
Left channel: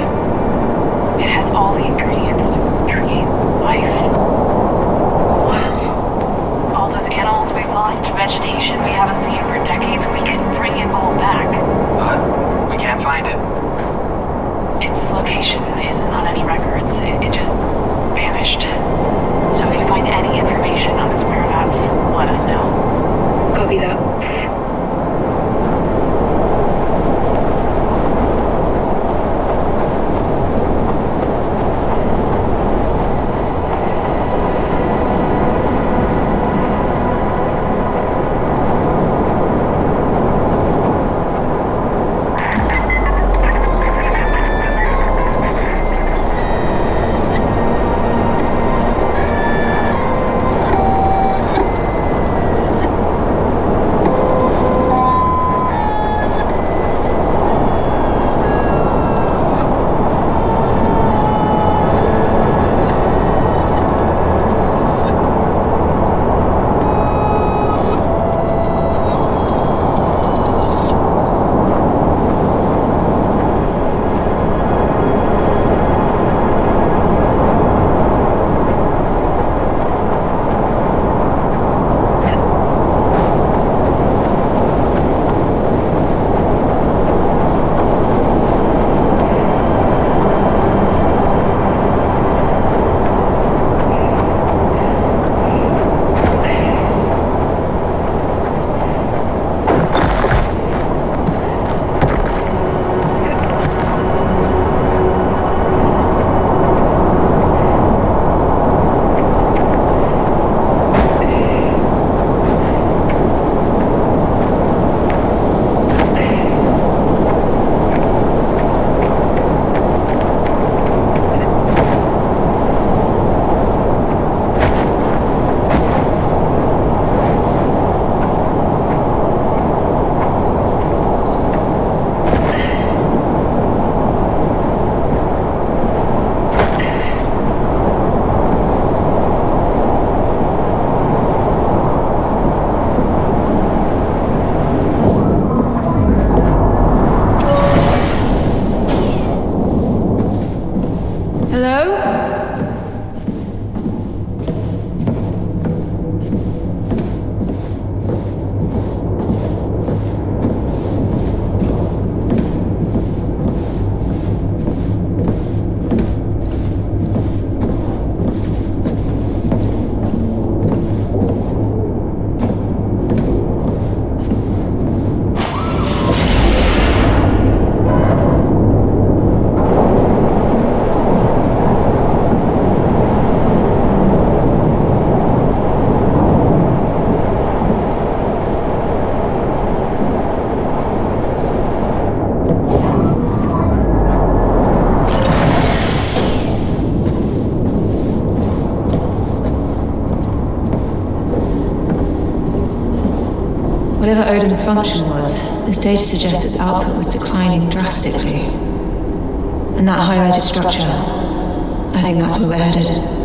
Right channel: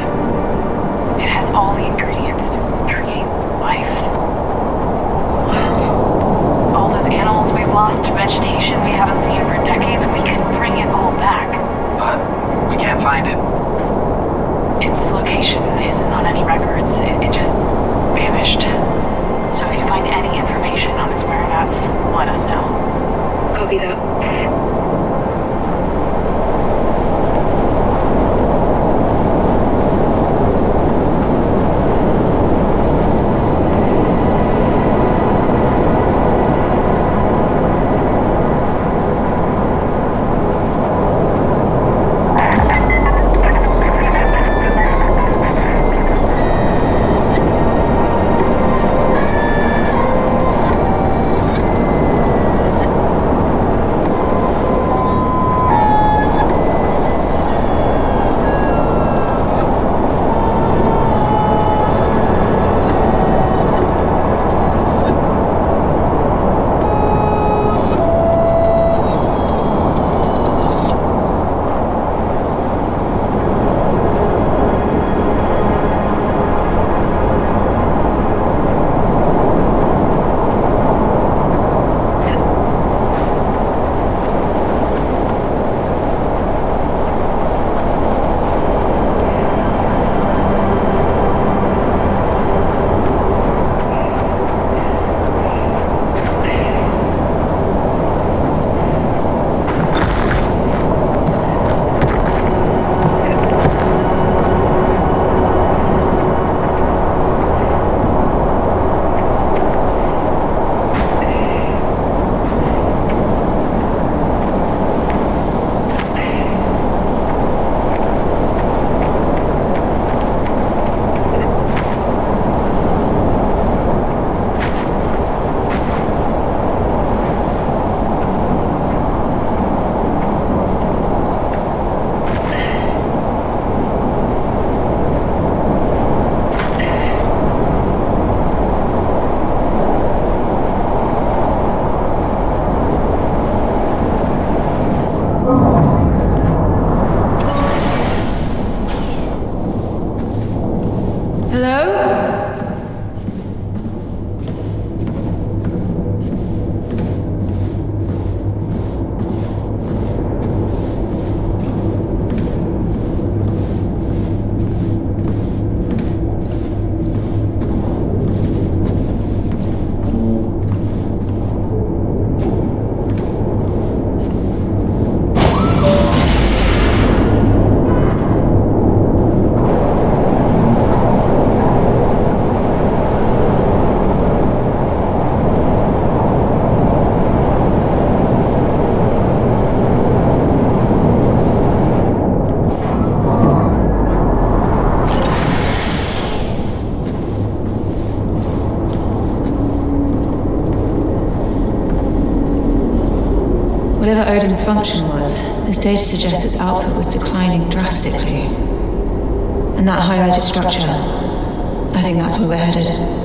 It has all the ingredients to create life. Wow. All those animals we've lost, vegetation we haven't seen for decades, we can bring it all back. But we can't find it. Its location isn't on any records. It just vanished. So if you find any information on its whereabouts, let us know. Copy that. Hello? Whatever Odin's function was, this data suggests its output was declining drastically. And that highlighted structure, I think that's where we're headed.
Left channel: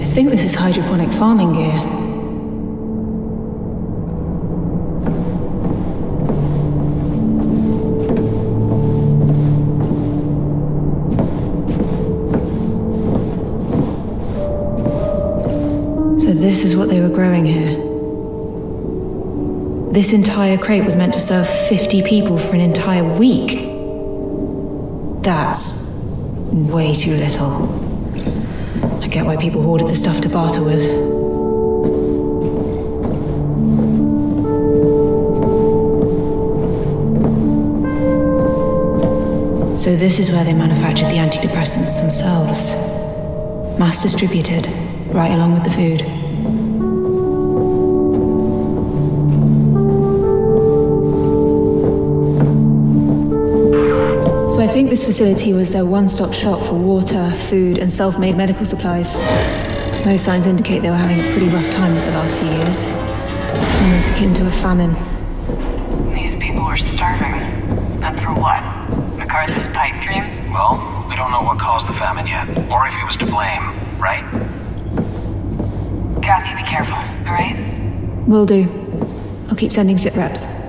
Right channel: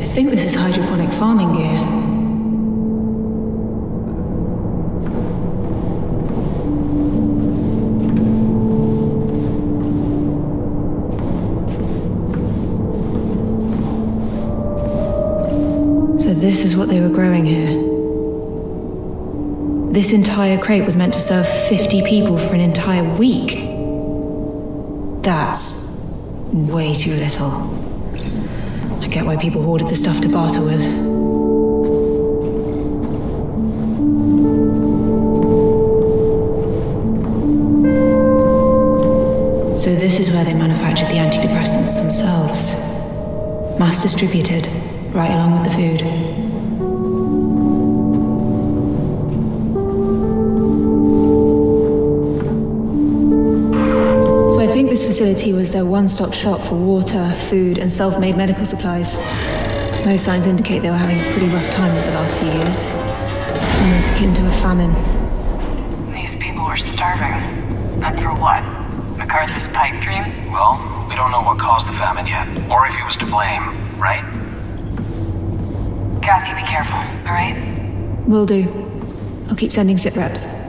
I think this is hydroponic farming gear. So this is what they were growing here. This entire crate was meant to serve 50 people for an entire week. That's way too little. I get why people hoarded the stuff to barter with. So this is where they manufactured the antidepressants themselves. Mass distributed, right along with the food. So I think this facility was their one-stop shop for water, food, and self-made medical supplies. Most signs indicate they were having a pretty rough time over the last few years. Almost akin to a famine. These people are starving. And for what? MacArthur's pipe dream? Well, we don't know what caused the famine yet, or if he was to blame, right? Kathy, be careful, alright? Will do. I'll keep sending sit reps.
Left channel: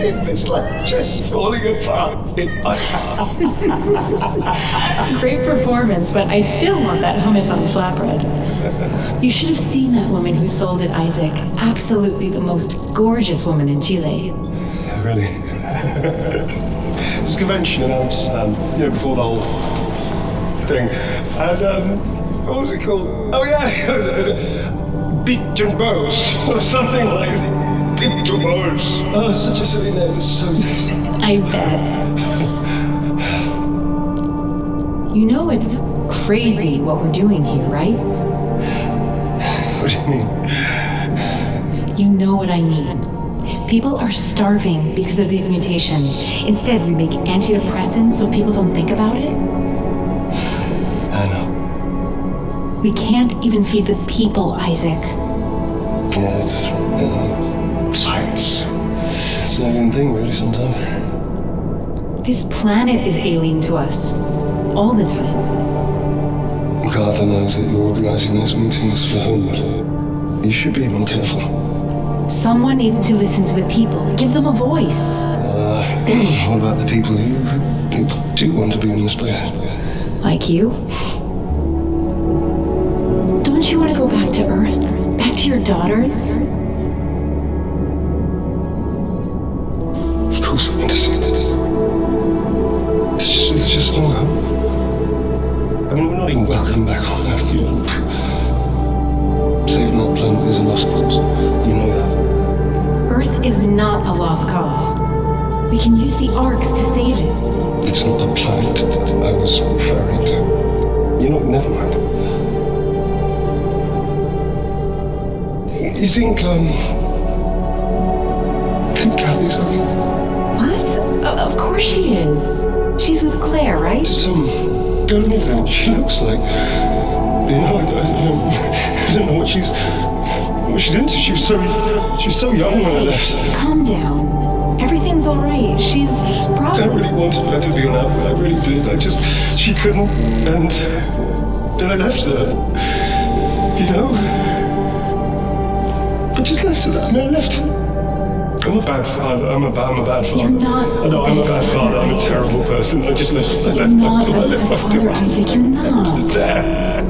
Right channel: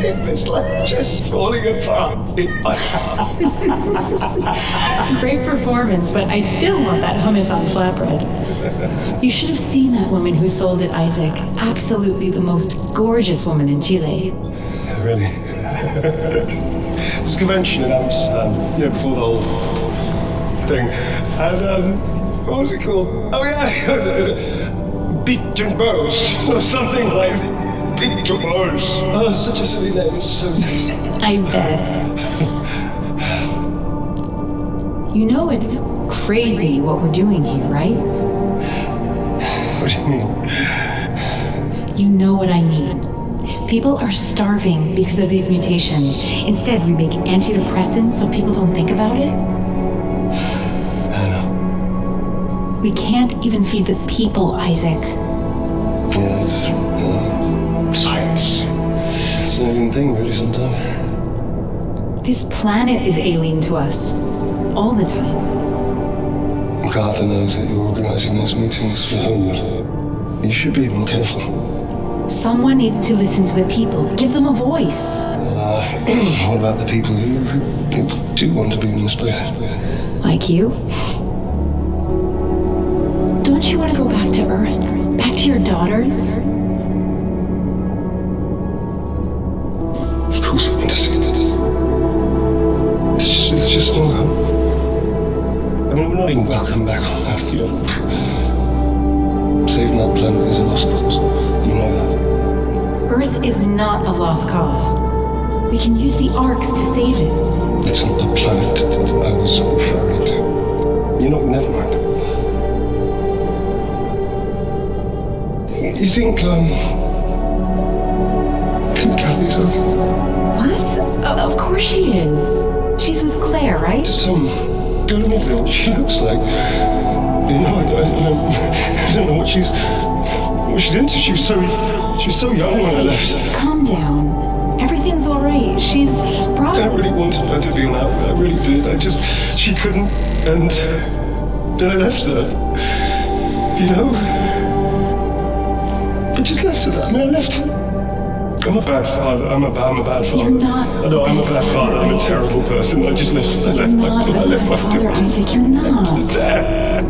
It was like just falling apart in my heart. Great performance, but I still want that hummus on flatbread. You should have seen that woman who sold it, Isaac. Absolutely the most gorgeous woman in Chile. Really? This convention in Amsterdam, before the whole thing. And, what was it called? Oh yeah, it was Beat and Bows, or something like that. Beat and Bows. Oh, such a silly name, so tasty. I bet. You know it's crazy what we're doing here, right? What do you mean? You know what I mean. People are starving because of these mutations. Instead, we make antidepressants so people don't think about it. I know. We can't even feed the people, Isaac. Yeah, it's, science. It's an alien thing, really, sometimes. This planet is alien to us. All the time. MacArthur knows that you're organizing those meetings for Homewood. You should be more careful. Someone needs to listen to the people. Give them a voice. What about the people who do want to be in this place? Like you? Don't you want to go back to Earth? Back to your daughters? Of course I want to see this. It's just no hope. I mean, we're not even welcome back on Earth, you know. Saving that planet is a lost cause. You know that. Earth is not a lost cause. We can use the arcs to save it. It's not the planet that I was referring to. You know, never mind. You think Kathy's okay? What? Of course she is. She's with Claire, right? Just, I don't even know what she looks like. You know, I don't know what she's into. She was so young when I left. Calm down. Everything's all right. She's probably... I really wanted her to be on out. I really did. She couldn't, and then I left her. You know? I just left her that. I left her. I'm a bad father. I'm a bad father. You're not. I know I'm a bad father. I'm a terrible person. I just left. I left my father, Isaac. You're not. Dad.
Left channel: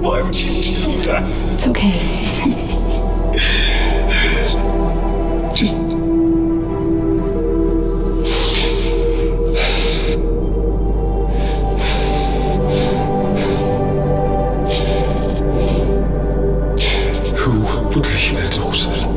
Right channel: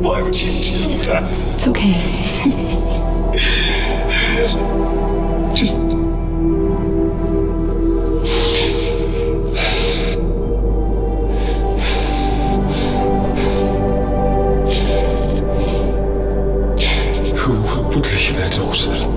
Why would you do that? It's okay. Just. Who would leave their daughter?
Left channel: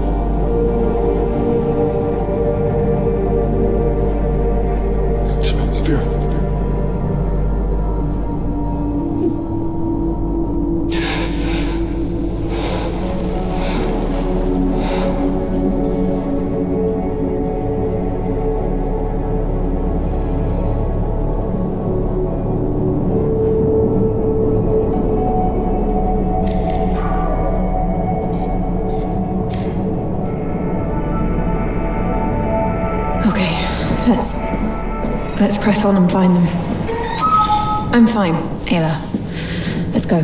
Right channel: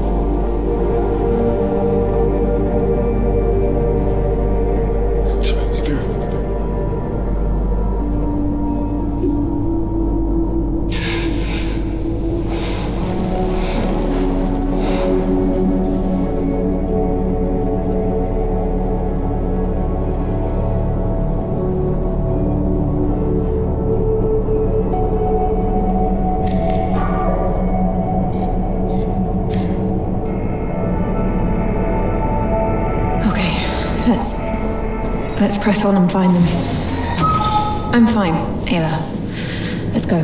Let's press on and find them. I'm fine, Ayla. Let's go.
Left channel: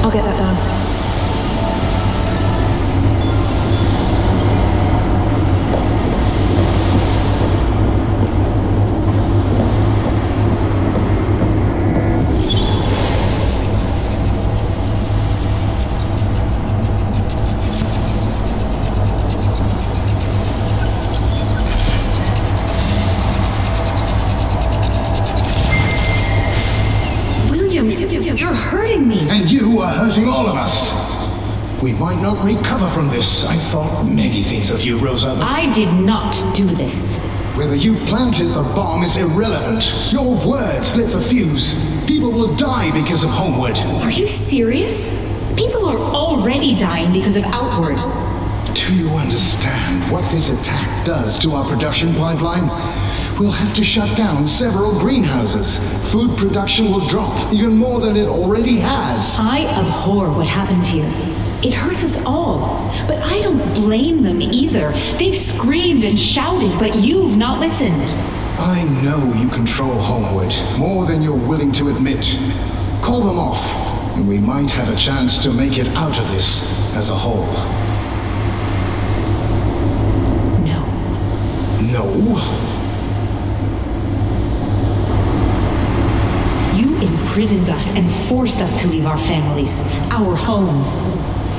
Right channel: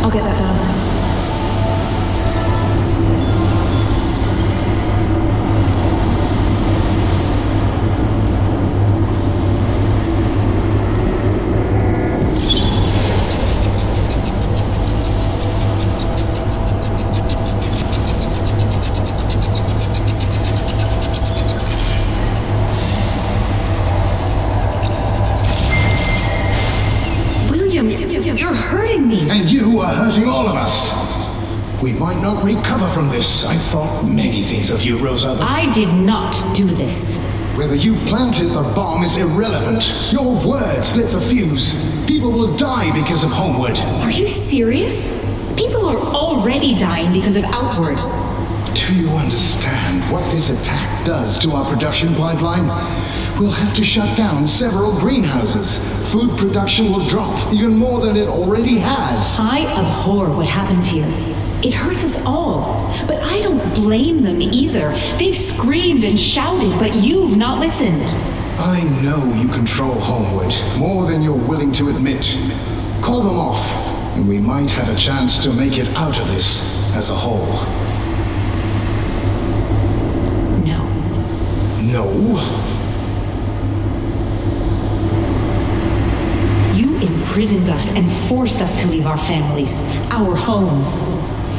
I'll get that done. him. You're hurting me. And you are hurting all of us. We might not recover from this. I thought many things of you, Rosa, but I did not do this. whether you planted the bomb is irrelevant. Your words lit the fuse. People will die because of Homeward. Are you serious? People are already dying because of Outward. Do you understand what this attack does to our production pipeline? We'll have to shut down several greenhouses. Food production will drop, even more than it already has. I abhor what happened here. It hurts us all. But I don't blame them either. They've screamed and shouted, but you've not listened. I know you control Homeward, more than you're willing to admit. Call them off, and we might have a chance to make it out of this as a whole. No. No? You imprisoned us and forced us to leave our families, our homes.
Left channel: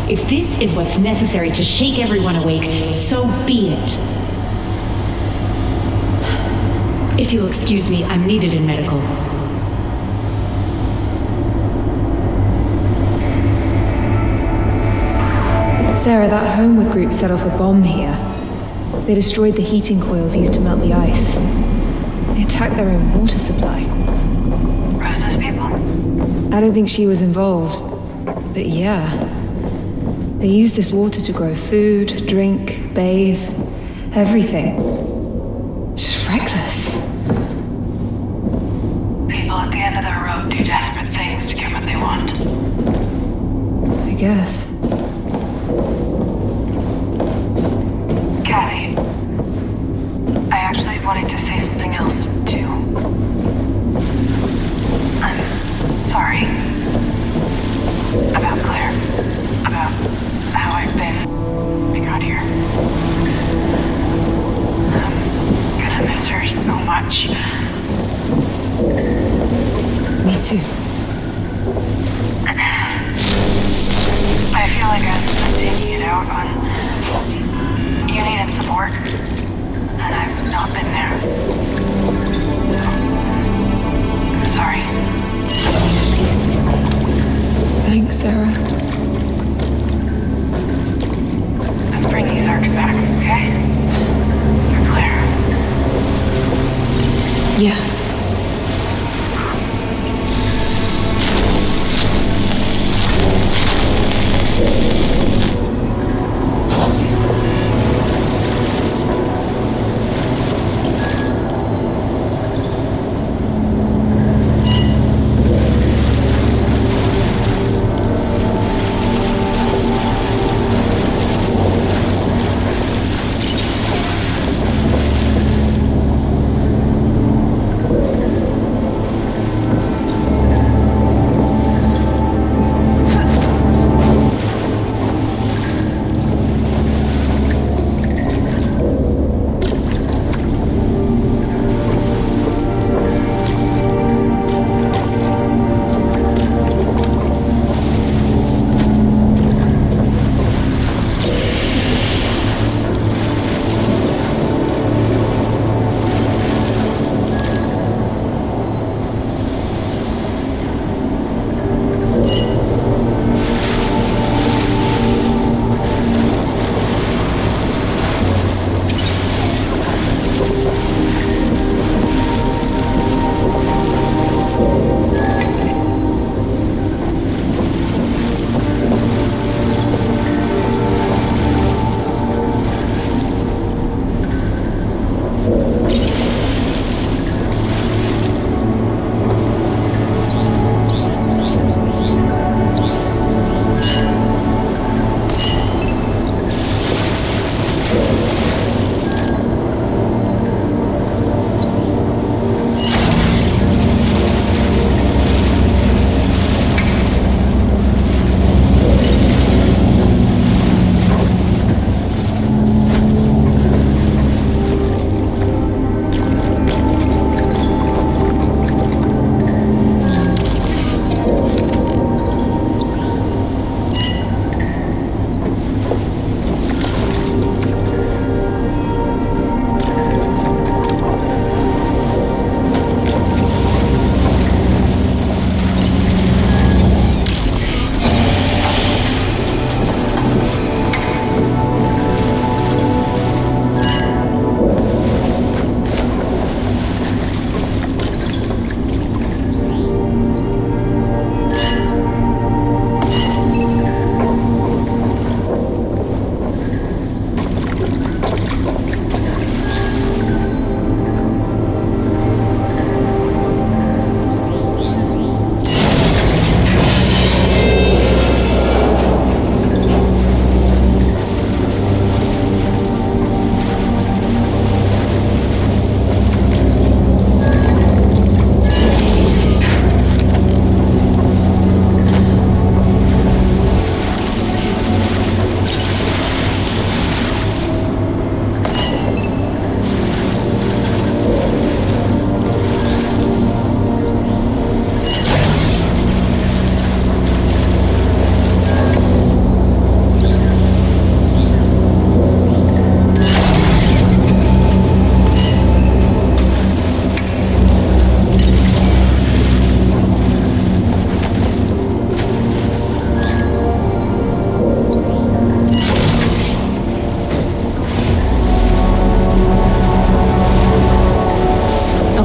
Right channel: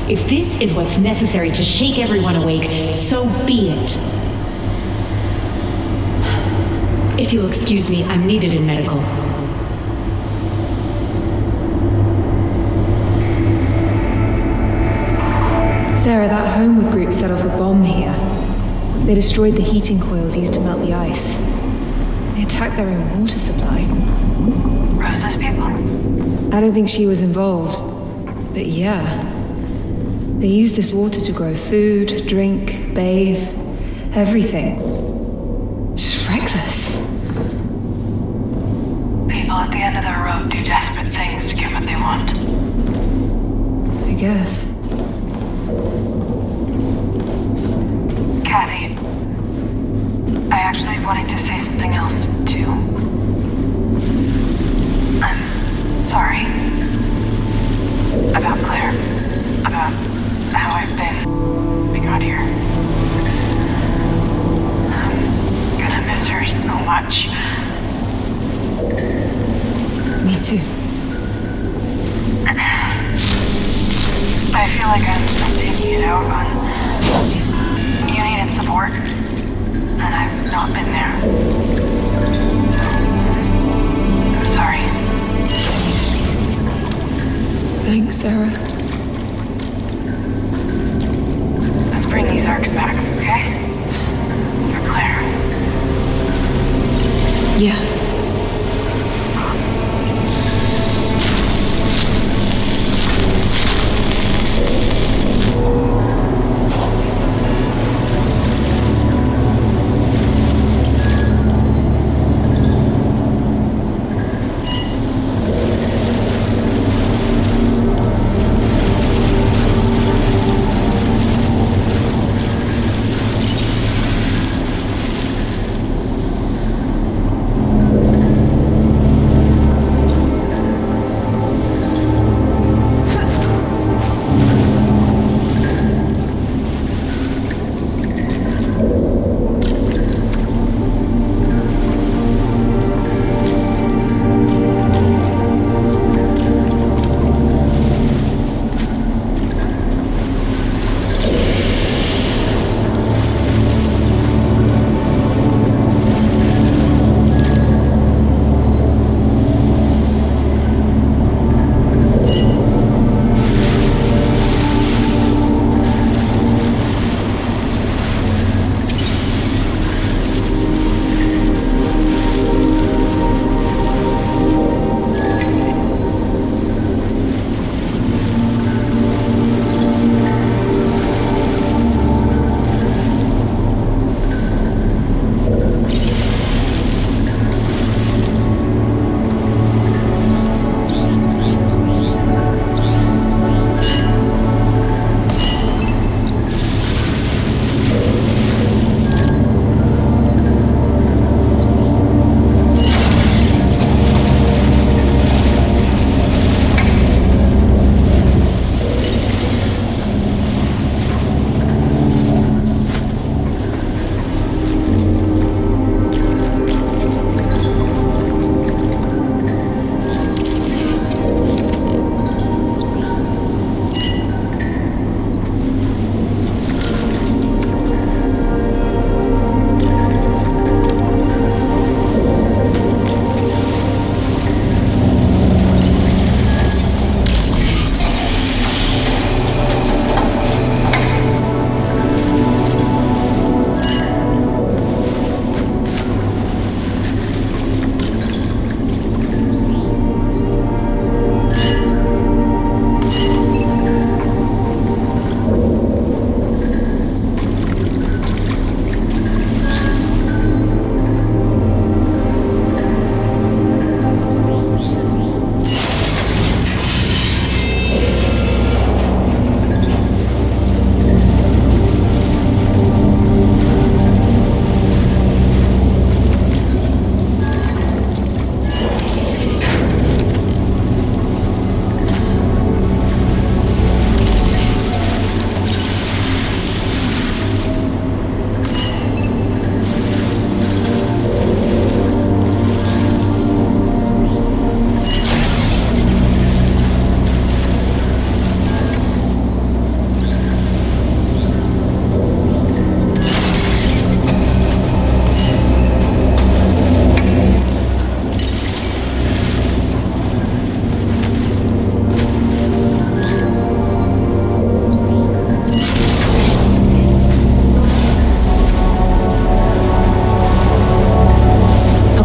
If this is what's necessary to shake everyone awake, so be it. If you'll excuse me, I'm needed in medical. Sarah, that Homeward group set off a bomb here. They destroyed the heating coils used to melt the ice. They attacked their own water supply. Rosa's people? I don't think she was involved, but yeah. They used this water to grow food, drink, bathe, everything. Just reckless. People at the end of the road do desperate things to get what they want. I guess. Kathy, I actually wanted to say something else, too. I'm sorry. About Claire. About how I've been being out here. I'm gonna miss her so much. Me too. I feel like I'm taking it out on you needed support, and I've not been there. I'm sorry. Thanks, Sarah. Let's bring these arcs back, okay? For Claire. Yeah.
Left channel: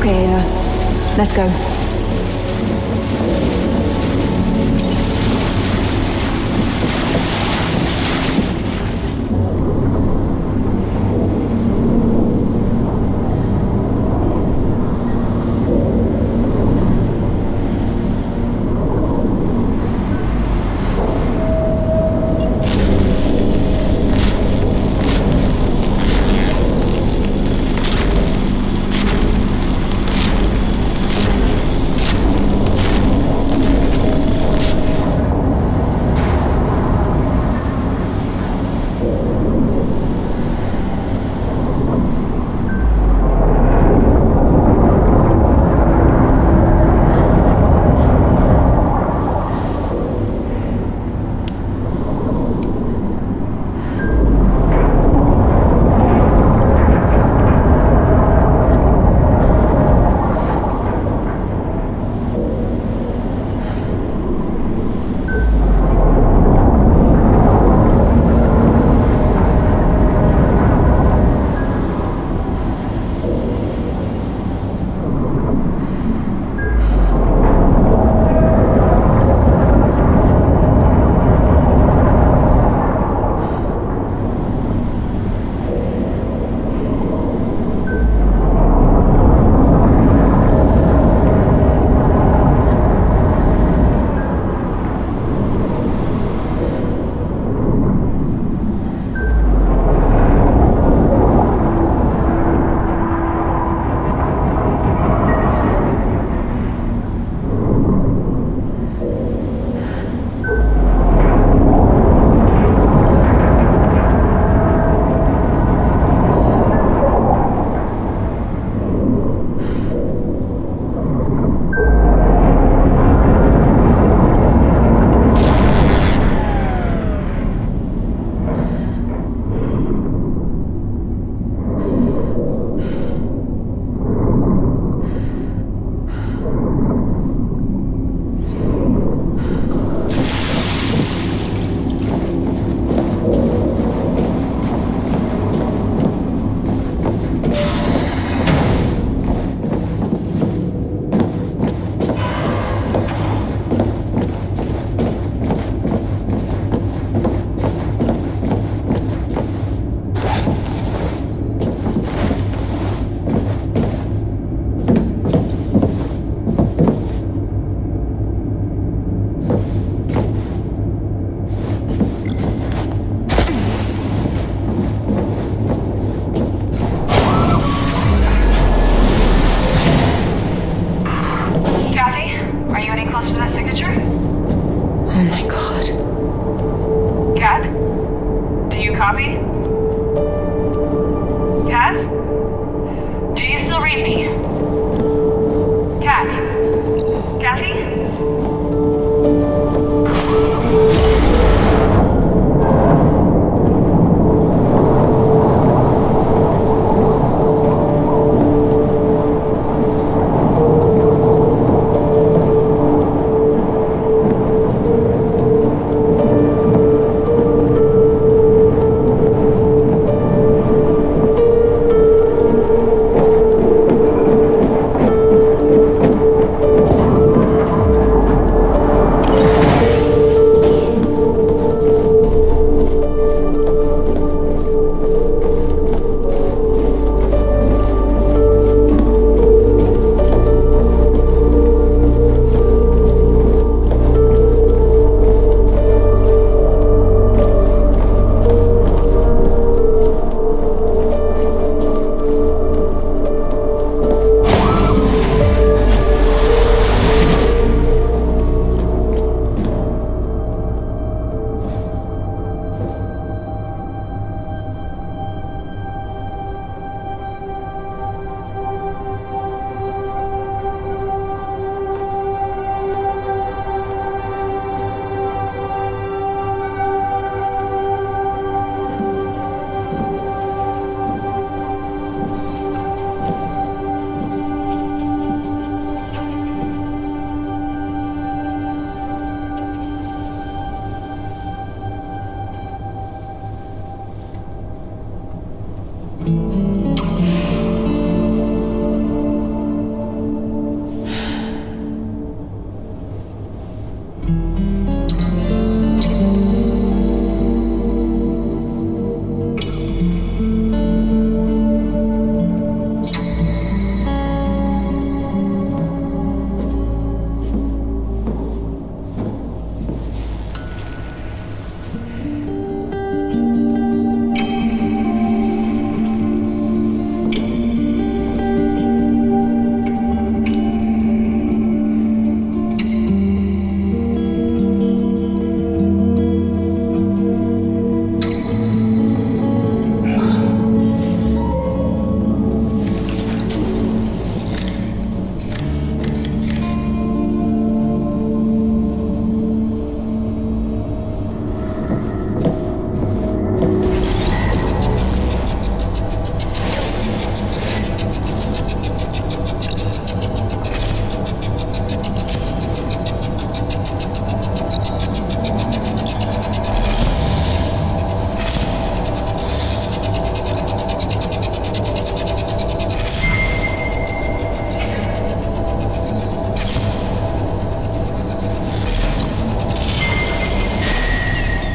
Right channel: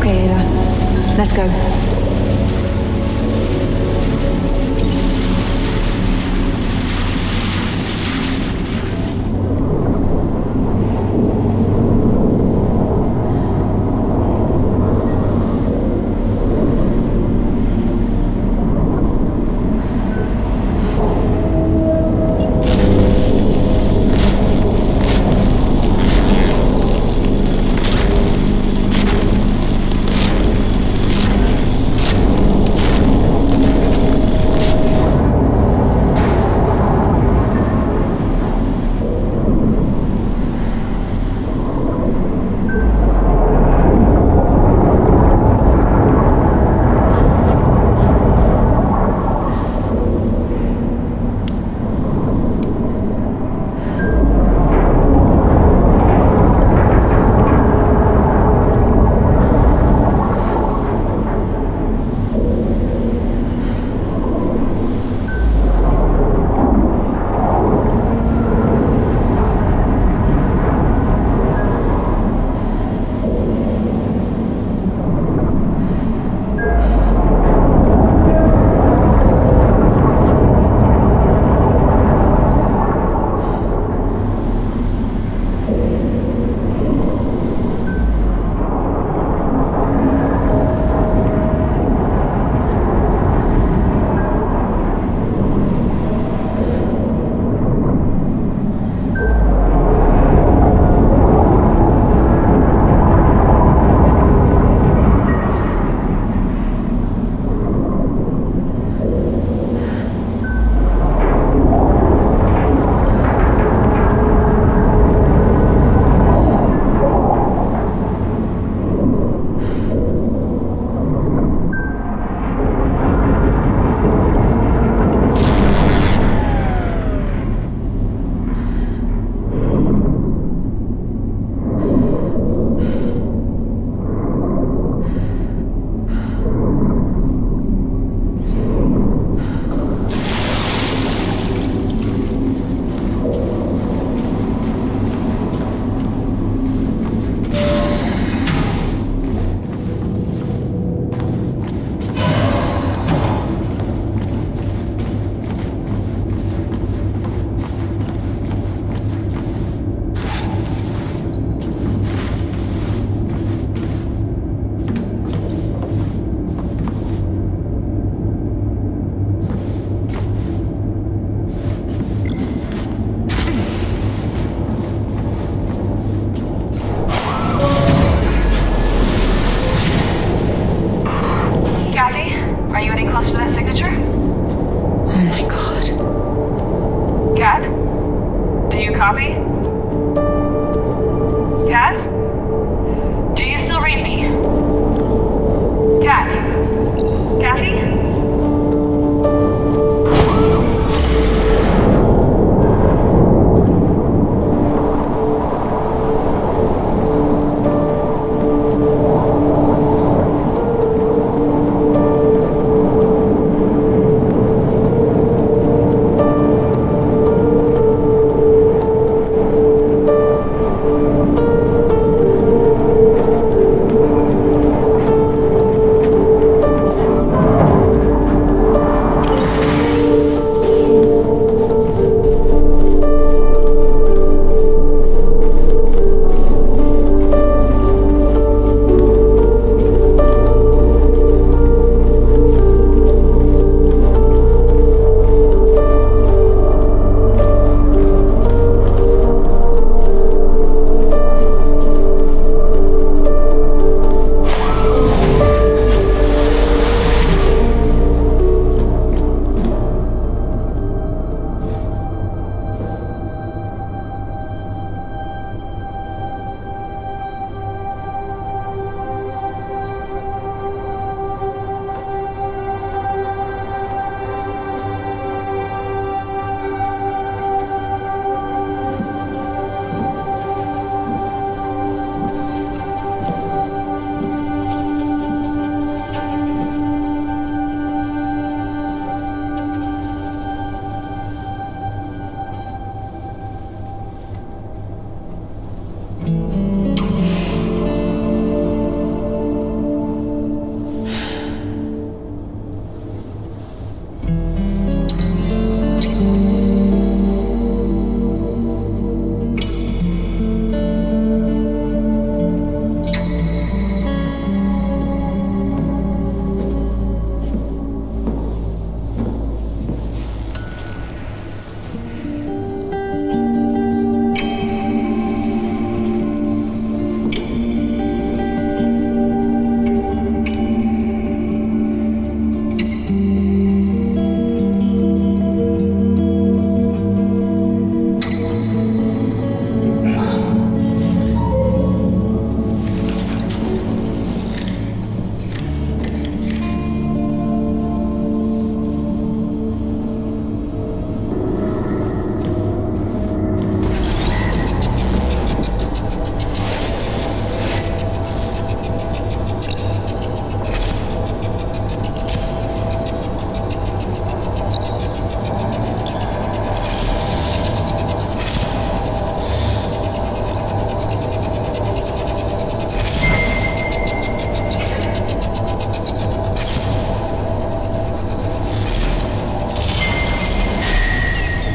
Okay, Ayla. Let's go.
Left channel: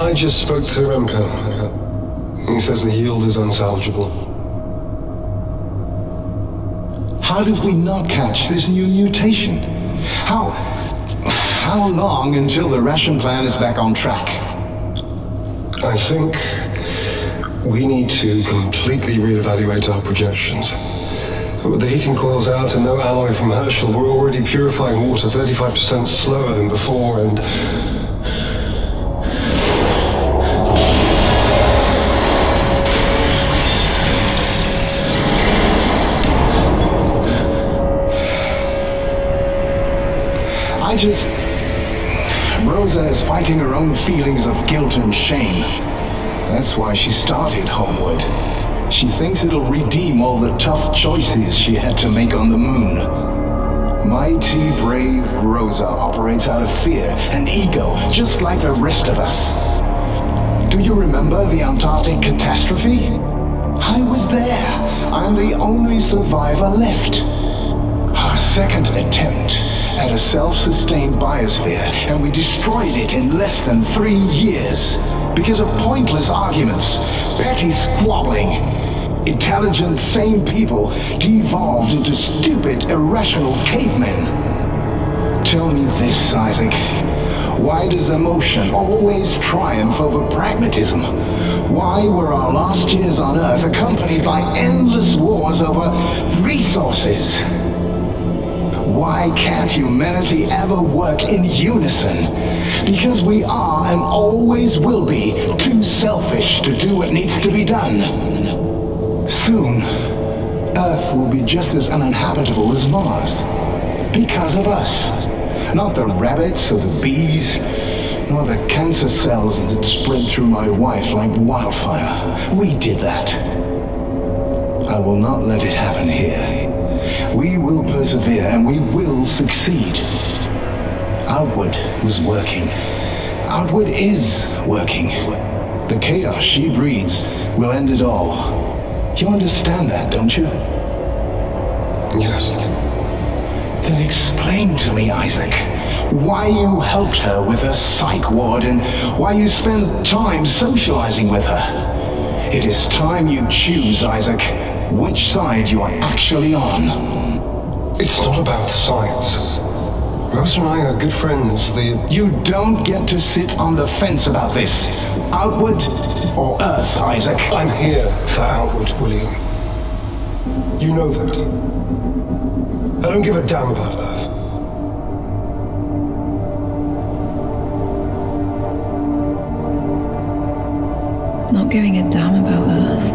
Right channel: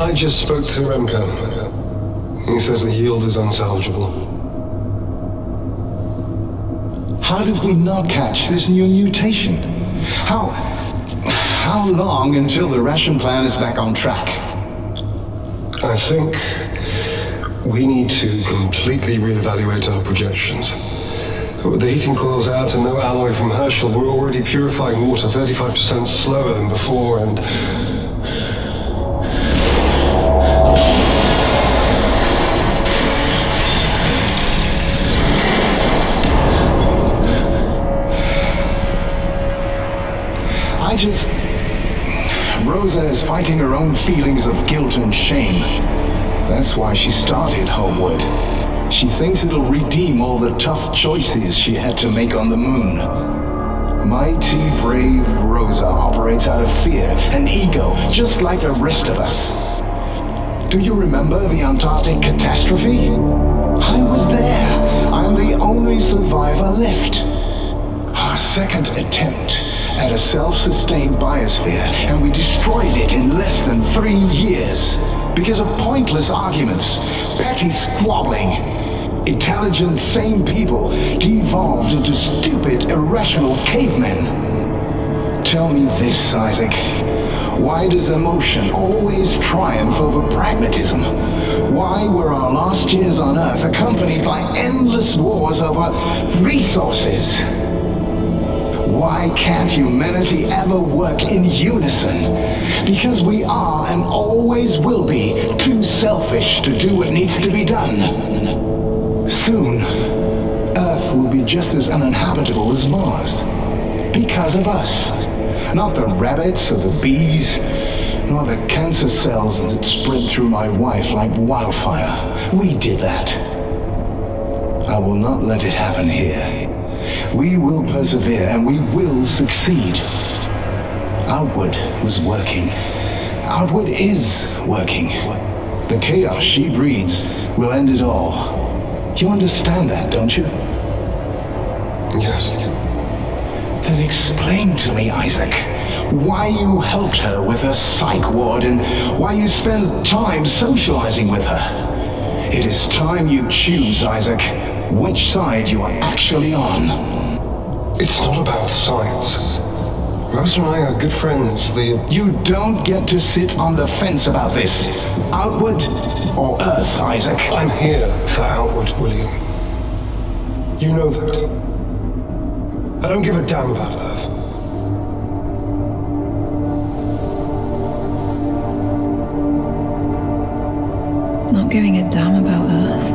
I just spoke to Remco. He says the yield is unsalvageable. How did we not catch this new mutation? How long until the ration plan is back on track? I think we need to completely reevaluate our projections. With the heating coils out and no alloy from Herschel, we're already purifying water 35% slower than before, and Rosa is fighting her own feelings of guilt and shame. That's why she started Homewood. She thinks it'll redeem all the tough choices she had to make on the moon. Mighty, brave Rosa operates out of fear and ego, just like the rest of us. Do you remember the Antarctic catastrophe? I was there. I'm the only survivor left. Our second attempt at a self-sustained biosphere, and we destroyed it in less than 3 years. Because of pointless arguments, petty squabbling. Intelligent, sane people devolved into stupid, irrational cavemen. Tell me this, Isaac. Why does emotion always triumph over pragmatism? Why were our last years on Earth accompanied by endless wars over resources? Why can't humanity ever work in unison? Because we are and always will be too selfish to do what needs to be done. Soon, Earth will be just as uninhabitable as Mars. Because of us. Not the rabbits or the bees, nor the cancer cells that spread through my wife like wildfire. We did that. I will not let it happen here. We will persevere and we will succeed. Outward was working. Outward is working. The chaos she breeds will end it all. You understand that, don't you? yes. Then explain to me, Isaac, why you helped her with her psych ward and why you spend time socializing with her. It is time you choose, Isaac, which side you are actually on. It's not about science. Rose and I are good friends. You don't get to sit on the fence about this. Outward or Earth, Isaac? I'm here for Outward, William. You know that. I don't give a damn about Earth. Not giving a damn about Earth.